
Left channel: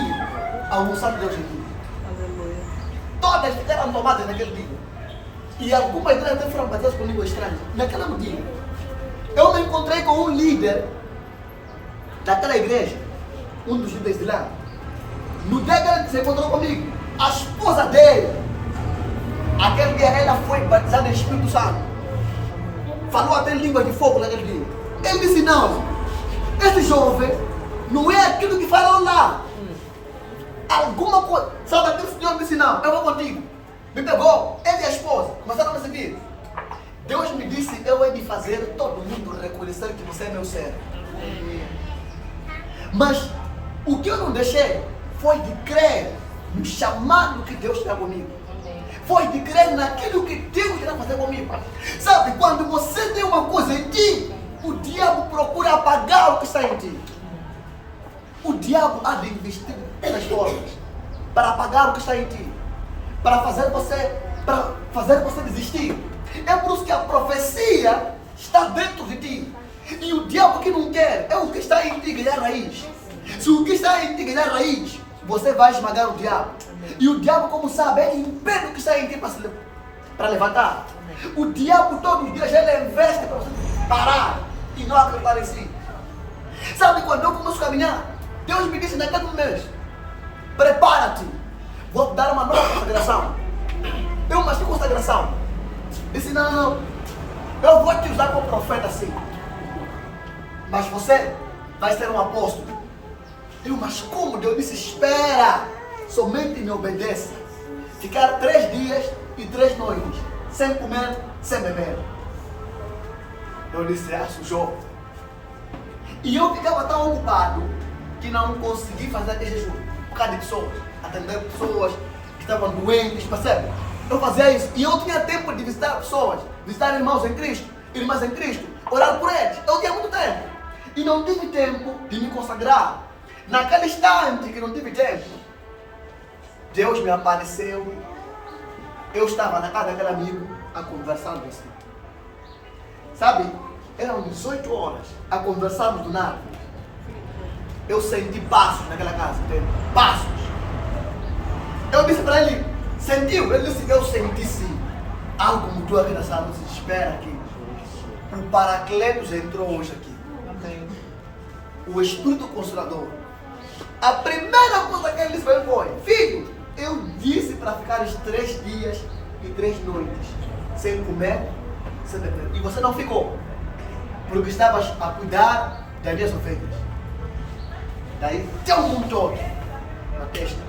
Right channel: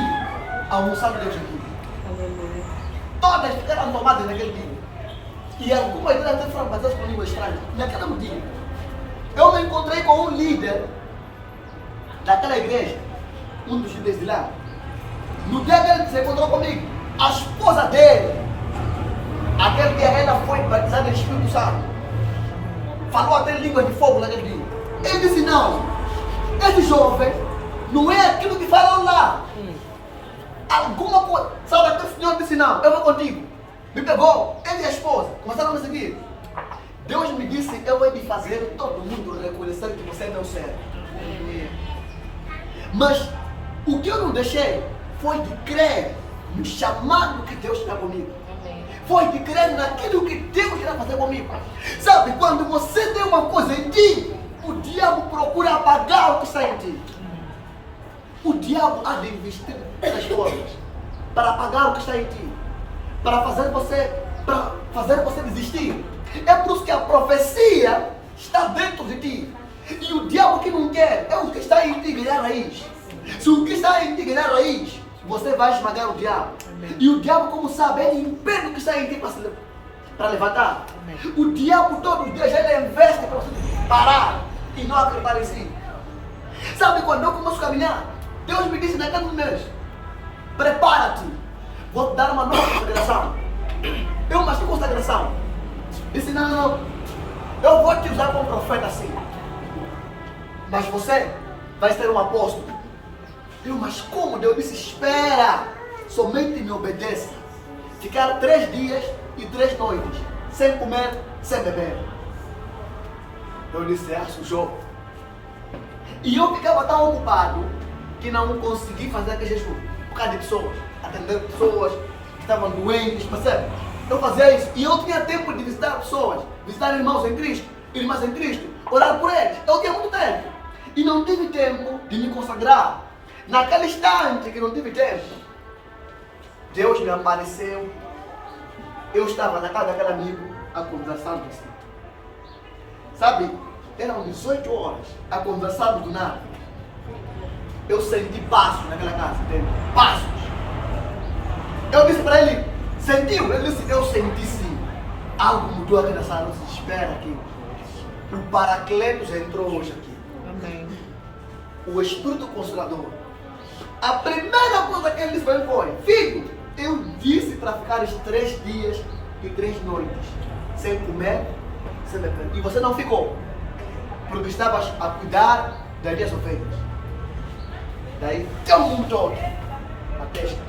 a unção de Deus em mim. Todas ficaram tomadas naquele dia. E algumas delas até foram batidas com língua estranha. Naquele dia, eu me encontrei com um líder daquela igreja, um dos líderes de lá. No dia que ele se encontrou comigo, a esposa dele, aquele dia ela foi batizada em Espírito Santo. Falou até línguas de fogo naquele dia. Ele disse, não, esse jovem não é aquilo que falou lá. Alguma coisa, sabe, aquele senhor me disse, não, eu vou contigo. Me pegou, ele e a esposa, começaram a me seguir. Deus me disse, eu hei de fazer todo mundo reconhecer que você é meu servo. Mas o que eu não deixei foi de crer no chamado que Deus tinha comigo. Foi de crer naquilo que Deus irá fazer comigo. Sabe, quando você tem uma coisa em ti, o diabo procura apagar o que está em ti. O diabo há de investir nas formas para apagar o que está em ti, para fazer você desistir. É por isso que a profecia está dentro de ti. E o diabo que não quer é o que está em ti ganhar raiz. Se o que está em ti ganhar raiz, você vai esmagar o diabo. E o diabo, como sabe, ele impede o que está em ti para levantar. O diabo todos os dias ele investe para você parar e não acreditar em si. Sabe, quando eu começo a caminhar, Deus me disse naquele mês, prepara-te, vou te dar uma nova consagração. Eu mas que consagração? Disse, não, eu vou te usar como profeta assim. Mas você vai ser um apóstolo. Mas como? Deus disse, espera, somente me obedeça. Ficar 3 dias e 3 noites, sem comer, sem beber. Eu disse, sujou. E eu ficava tão ocupado que não consegui fazer aquele jejum. Por causa de pessoas, atender pessoas que estavam doentes, percebe? Eu fazia isso. E eu tinha tempo de visitar pessoas, visitar irmãos em Cristo, irmãs em Cristo, orar por eles. Eu tinha muito tempo. E não tive tempo de me consagrar. Naquele instante que não tive tempo, Deus me apareceu. Eu estava na casa daquele amigo, a conversando assim. Sabe? Eram 18 horas a conversarmos do nada. Eu senti passos naquela casa, entende? Passos. Eu disse para ele, sentiu? Ele disse, eu senti sim. Algo mudou aqui nessa sala, se espera aqui. O Paracletos entrou hoje aqui. Amém. O Espírito Consolador. A primeira coisa que ele disse para ele foi, filho, eu disse para ficar 3 dias e 3 noites sem comer, sem beber. E você não ficou. Porque estavas a cuidar das minhas ovelhas. Daí, teu mundo todo na testa.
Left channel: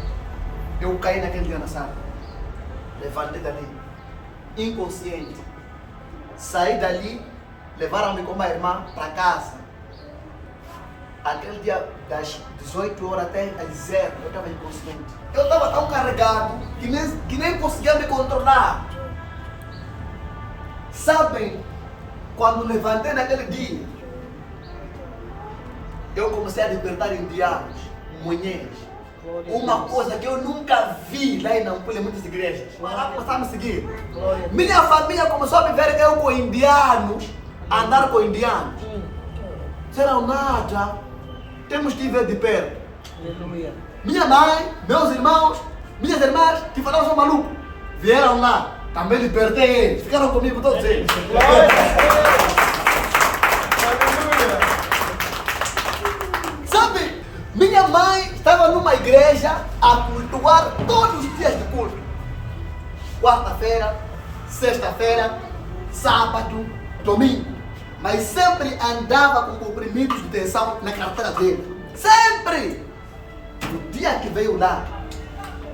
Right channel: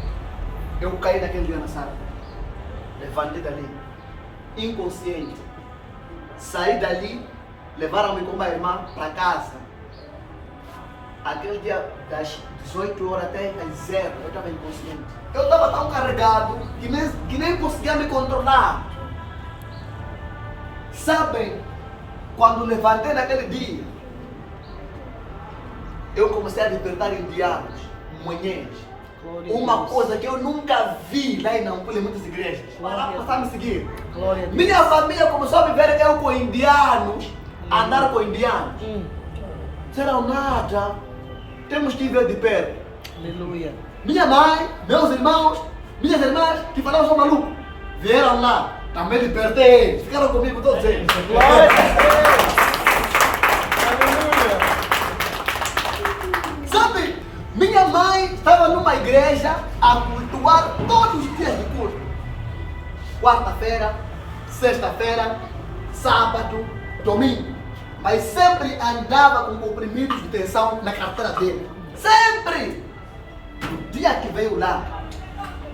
Eu caí naquele dia na sala. Levantei dali, inconsciente. Saí dali, levaram-me com uma irmã para casa. Aquele dia, das 18 horas até às 0, eu estava inconsciente. Eu estava tão carregado que nem conseguia me controlar. Sabem, quando levantei naquele dia, eu comecei a despertar indianos, manhãs. Uma coisa que eu nunca vi lá em Nampula, em muitas igrejas. Para começar a me seguir. Minha família começou a viver eu com indianos, a andar com indianos. Disseram nada, temos que ver de perto. Aleluia. Minha mãe, meus irmãos, minhas irmãs, que falavam sou maluco, vieram lá, também despertei eles, ficaram comigo todos eles. Sabe, minha mãe estava numa igreja a cultuar todos os dias de culto. Quarta-feira, sexta-feira, sábado, domingo. Mas sempre andava com comprimidos de tensão na carteira dele. Sempre! No dia que veio lá,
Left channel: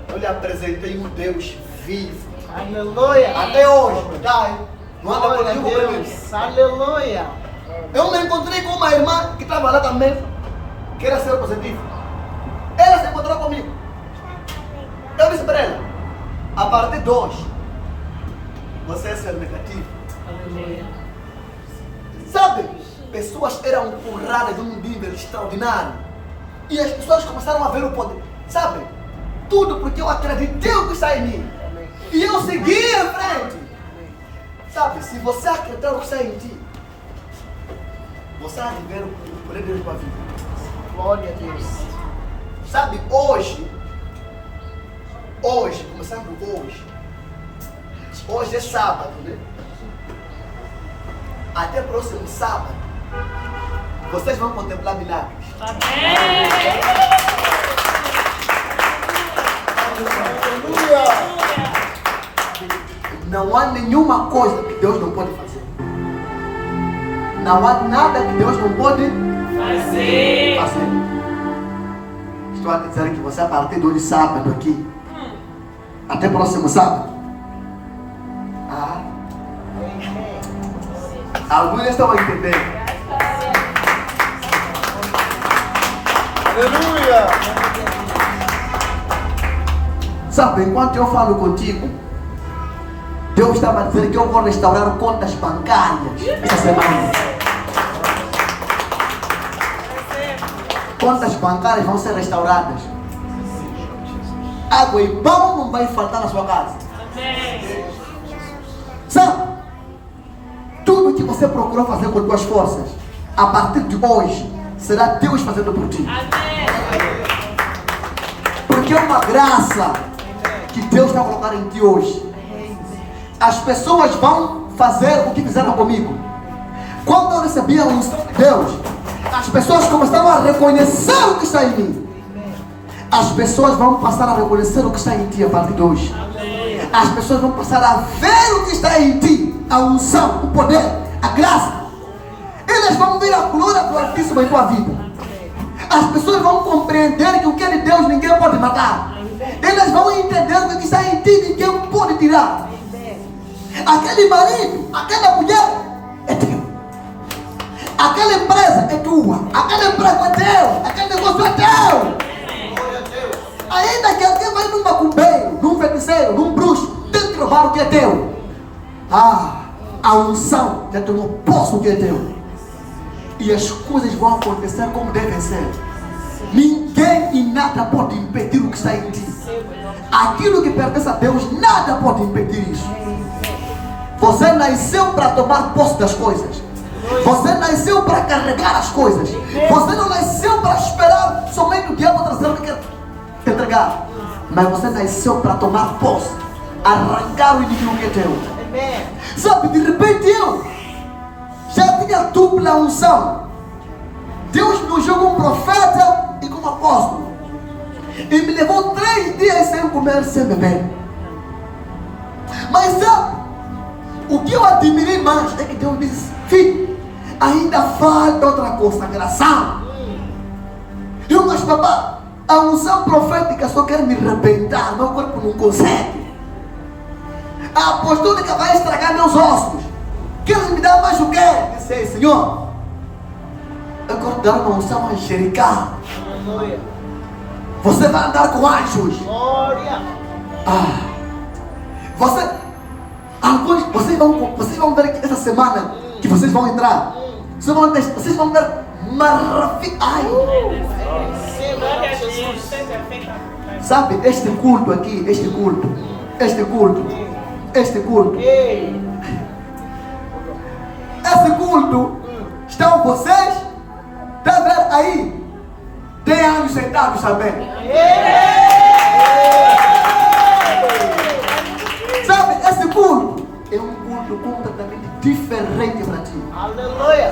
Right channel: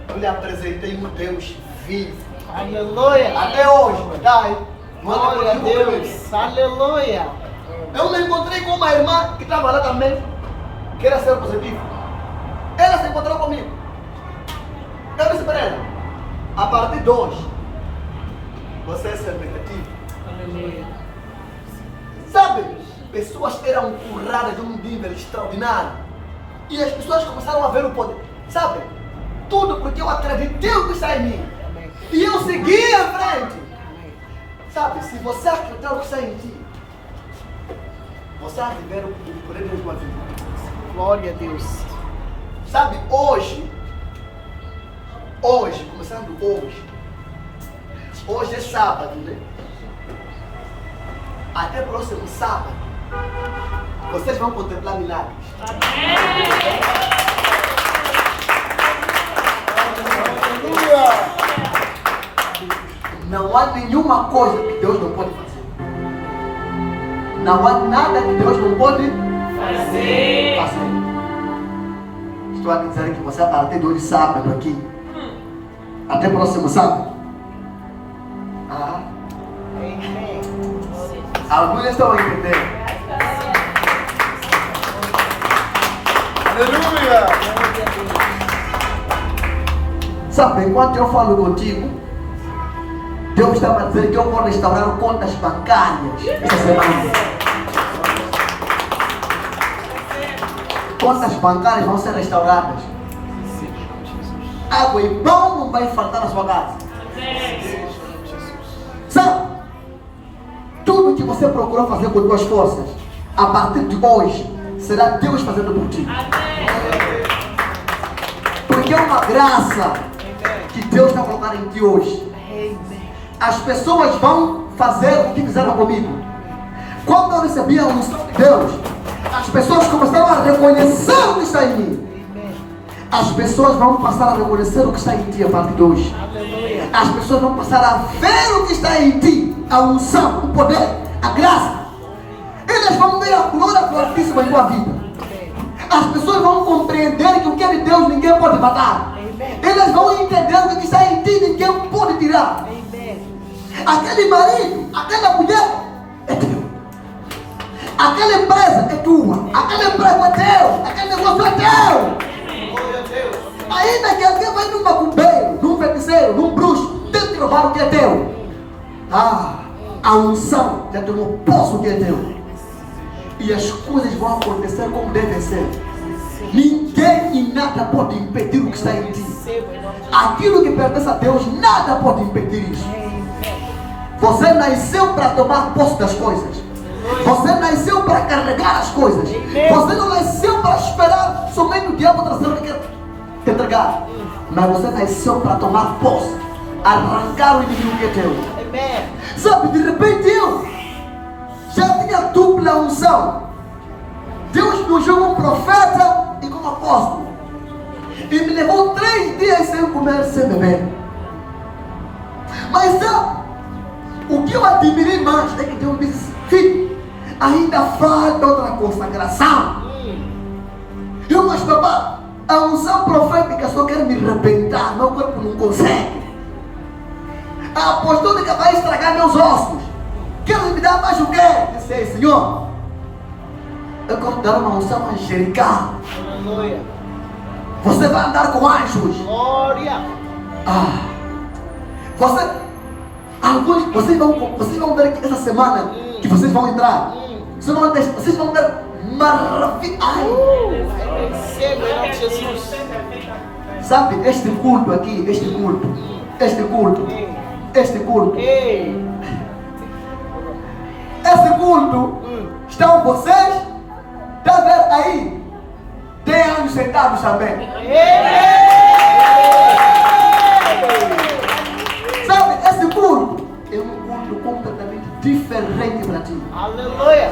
eu lhe apresentei um Deus vivo. Aleluia. Até hoje, tá aí. Não anda Glória a com Deus. Aleluia. Eu me encontrei com uma irmã que estava lá também, que era ser positivo. Ela se encontrou comigo. Eu disse para ela, a partir de hoje, você é ser negativo. Aleluia. Sabe, pessoas eram curradas de um nível extraordinário. E as pessoas começaram a ver o poder. Sabe, tudo porque eu acreditei o que está em mim. E eu segui em frente. Sabe, se você acreditar no que está em ti, você vai viver o poder da tua vida. Glória a Deus. Sabe, hoje, começando hoje é sábado, né? Até próximo sábado, vocês vão contemplar milagres. Não há nenhuma coisa que Deus não pode fazer. Não há nada que Deus não pode fazer. Estou a dizer que você a partir de hoje sábado aqui, até próximo sábado. Alguns estão a entender. Aleluia! Sabe, enquanto eu falo contigo, Deus estava a dizer que eu vou restaurar contas bancárias essa semana. Contas bancárias vão ser restauradas. Água e pão não vai faltar na sua casa. Sabe? Tudo que você procurou fazer com suas forças, a partir de hoje, será Deus fazendo por ti. Porque é uma graça que Deus vai colocar em ti hoje. As pessoas vão fazer o que fizeram comigo. Quando eu recebi a unção de Deus, as pessoas começaram a reconhecer o que está em mim. As pessoas vão passar a reconhecer o que está em ti a partir de hoje. As pessoas vão passar a ver o que está em ti. A unção, o poder, a graça. Eles vão ver a glória do Altíssimo em tua vida. As pessoas vão compreender que o que é de Deus ninguém pode matar. Eles vão entender o que está em ti ninguém pode tirar. Aquele marido, aquela mulher é teu. Aquela empresa é tua. Aquele emprego é teu. Aquele negócio é teu. Ainda que alguém vai num macumbeiro, num feiticeiro, num bruxo, tente roubar o que é teu. A unção já tomou posse o que é teu. E as coisas vão acontecer como devem ser. Ninguém e nada pode impedir o que está em ti. Aquilo que pertence a Deus, nada pode impedir isso. Você nasceu para tomar posse das coisas. Você nasceu para carregar as coisas. Você não nasceu para esperar somente o diabo trazer o que quer te entregar. Mas você nasceu para tomar posse, arrancar o inimigo que é teu. Sabe, de repente eu já tinha dupla unção. Deus me ungiu como profeta e como apóstolo. E me levou 3 dias sem comer, sem beber. Mas sabe, o que eu admirei mais é que Deus me disse: filho, ainda falta outra consagração. Eu, mas papai, a unção profética só quer me arrebentar, meu corpo não consegue. A apostólica vai estragar meus ossos. Queres me dar mais o quê? Disse: Senhor, eu quero dar uma unção angelical. Você vai andar com anjos. Glória. Vocês vão ver que essa semana que vocês vão entrar, vocês vão ver maravilha. Sabe, este culto aqui, este culto, esse culto, estão vocês, está vendo aí? Tem anjos sentados também. Sabe, esse culto é um culto completamente diferente para ti. Aleluia.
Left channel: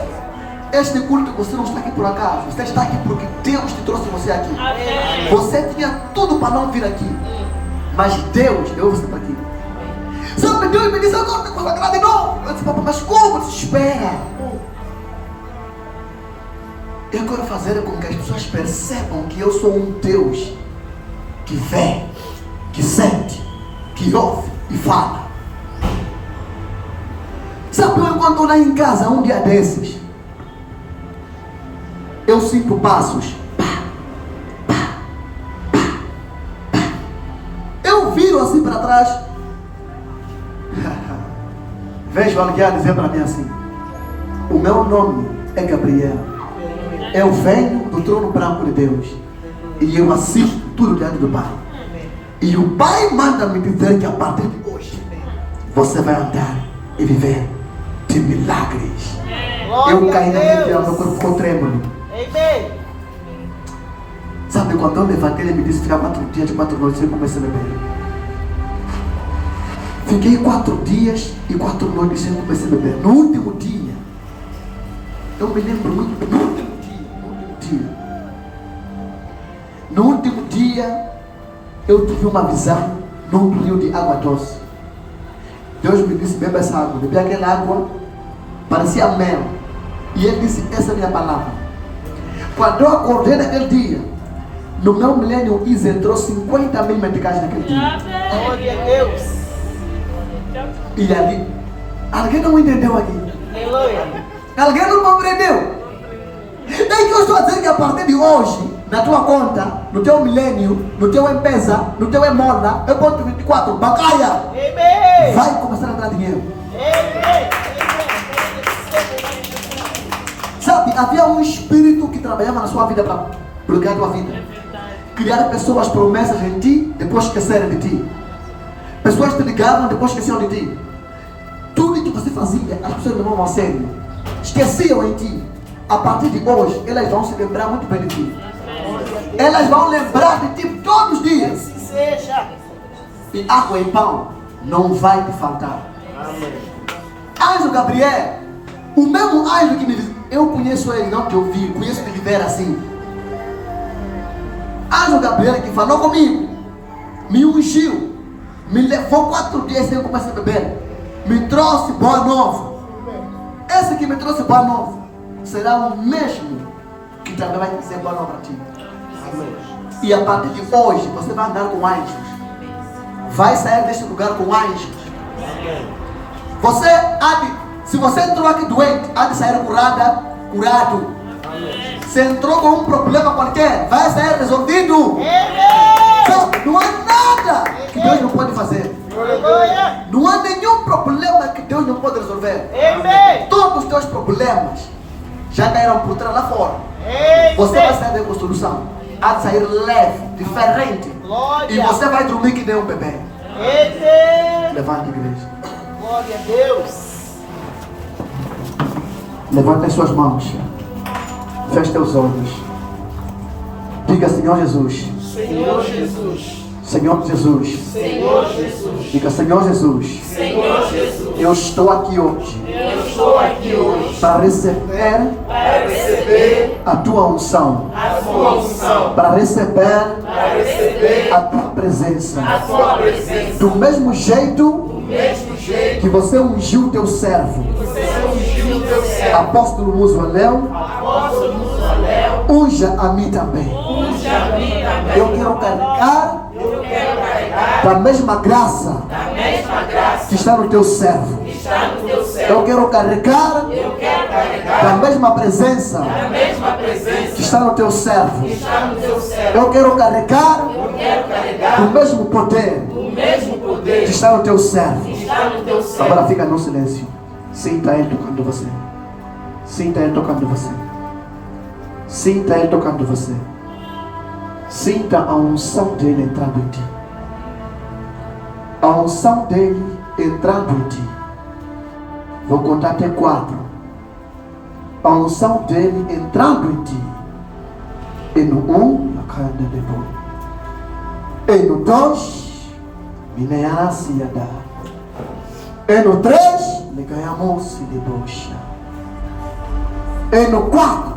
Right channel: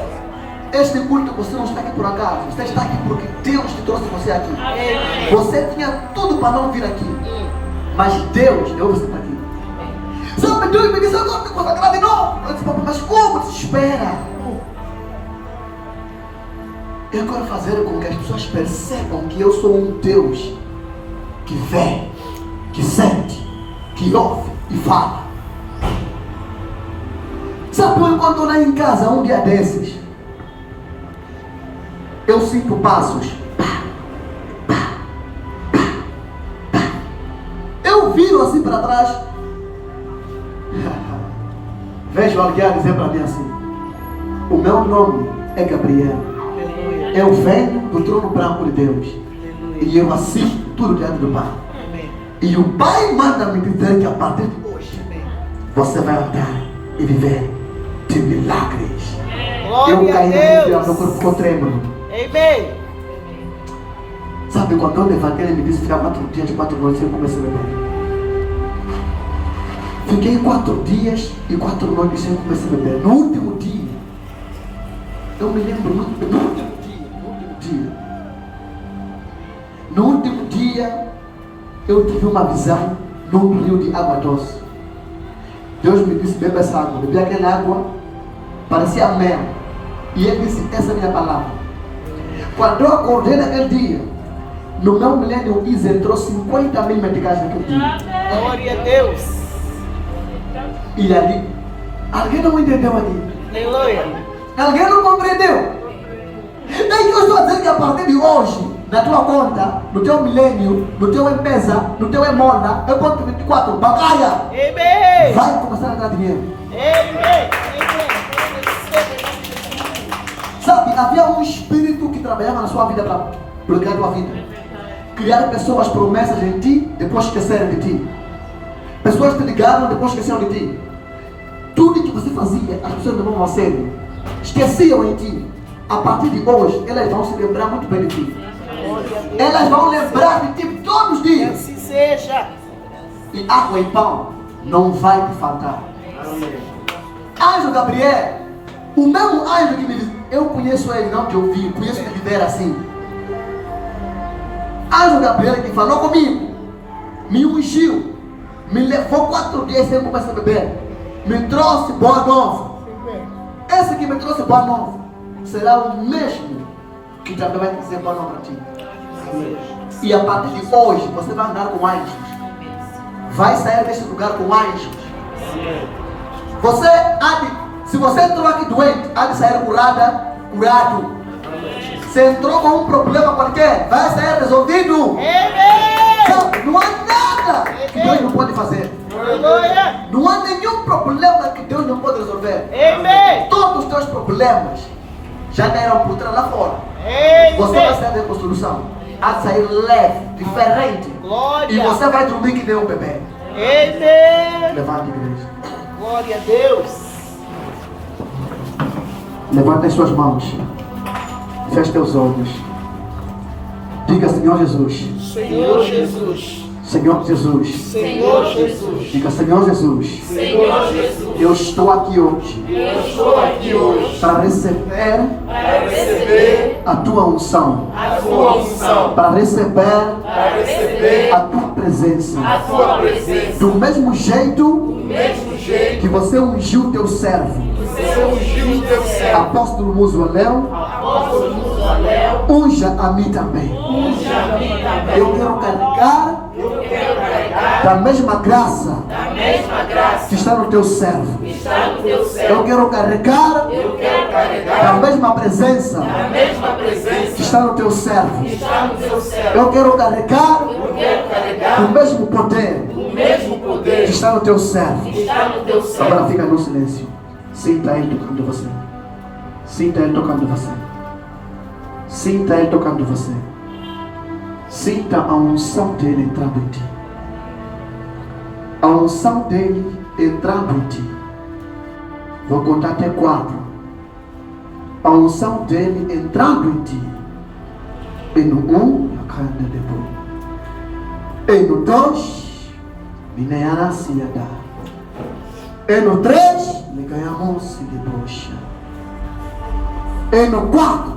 Este culto você não está aqui por acaso. Você está aqui porque Deus te trouxe você aqui. Você tinha tudo para não vir aqui, mas Deus deu você para aqui. Sabe, Deus me disse: eu não te consagrado de novo. Eu disse: mas como? Espera. Eu quero fazer com que as pessoas percebam que eu sou um Deus que vê, que sente, que ouve e fala. Sabe, eu quando estou lá em casa, um dia desses, eu sinto passos. Eu viro assim para trás. Vejo alguém dizer para mim assim: o meu nome é Gabriel. Eu venho do trono branco de Deus. E eu assisto tudo diante do Pai. E o Pai manda me dizer que a partir de hoje você vai andar e viver de milagres. Eu caí naquele dia, meu corpo ficou trêmulo. Sabe, quando eu levantei, ele me disse: ficar 4 dias, 4 noites sem comer, sem beber. Fiquei 4 dias e 4 noites sem comer, sem beber. No último dia, eu me lembro muito bem, no último dia, eu tive uma visão num rio de água doce. Deus me disse: beba essa água. Bebi aquela água, parecia mel. E ele disse: essa é a minha palavra. Quando eu acordei naquele dia, no meu milênio entrou 50 mil meticais naquele dia. Glória a Deus. E ali, alguém não entendeu ali? Aleluia. Alguém não compreendeu? É que eu estou a dizer que a partir de hoje, na tua conta, no teu milênio, no teu empresa, no teu emorna, eu ponto 24, bancária, vai começar a entrar dinheiro. Sabe, havia um espírito que trabalhava na sua vida para bloquear a tua vida. Criar pessoas promessas em ti, depois esquecerem de ti. Pessoas te ligavam, depois esqueceram de ti. Tudo que você fazia, as pessoas levavam a sério. Esqueciam em ti. A partir de hoje, elas vão se lembrar muito bem de ti. Elas vão lembrar de ti todos os dias. Assim seja. E água e pão não vai te faltar. Anjo Gabriel, o mesmo anjo que me disse, eu conheço ele, não que eu vi, conheço ele viver assim. Anjo Gabriel que falou comigo, me ungiu, me levou 4 dias sem começar a beber, me trouxe boa nova. Esse que me trouxe boa nova será o mesmo que também vai dizer boa nova a ti. E a partir de hoje você vai andar com anjos. Vai sair deste lugar com anjos. Você há de, se você entrou aqui doente, há de sair curado. Se entrou com um problema qualquer, vai sair resolvido. Sabe, não há nada que Deus não pode fazer. Não há nenhum problema que Deus não pode resolver. Todos os teus problemas já caíram por trás lá fora. Você vai sair com solução. Há de sair leve, diferente. E você vai dormir que nem um bebê. Levanta a igreja. Glória a Deus. Levanta as suas mãos. Feche teus olhos. Diga, Senhor Jesus. Senhor Jesus. Senhor Jesus. Senhor Jesus. Diga, Senhor Jesus. Senhor Jesus. Eu estou aqui hoje. Eu estou aqui hoje Para receber a tua unção. a tua unção, Para receber para receber a tua presença. a tua presença. Do mesmo jeito Do mesmo jeito que você ungiu teu servo, que você ungiu o teu servo, apóstolo Musualeu, apóstolo Musualeu, unja a mim também. unge a mim também. Eu quero carregar Eu quero carregar da mesma graça a mesma graça que está no teu servo. que está no teu servo. Eu quero carregar Eu quero carregar da mesma presença a mesma presença que está no teu servo. que está no teu servo. Eu quero carregar Eu quero carregar do mesmo poder o mesmo poder que está no teu servo. que está no teu servo. Agora fica no silêncio. Sinta ele tocando você. Sinta ele tocando você. Sinta ele tocando você. Sinta a unção dele entrando em ti. A unção dele entrando em ti. Vou contar até 4. A unção dele entrando em ti. E no 1, a carne depois. E no 2, mineasse a dar. E no 3, me ganhamos de bocha. E no 4,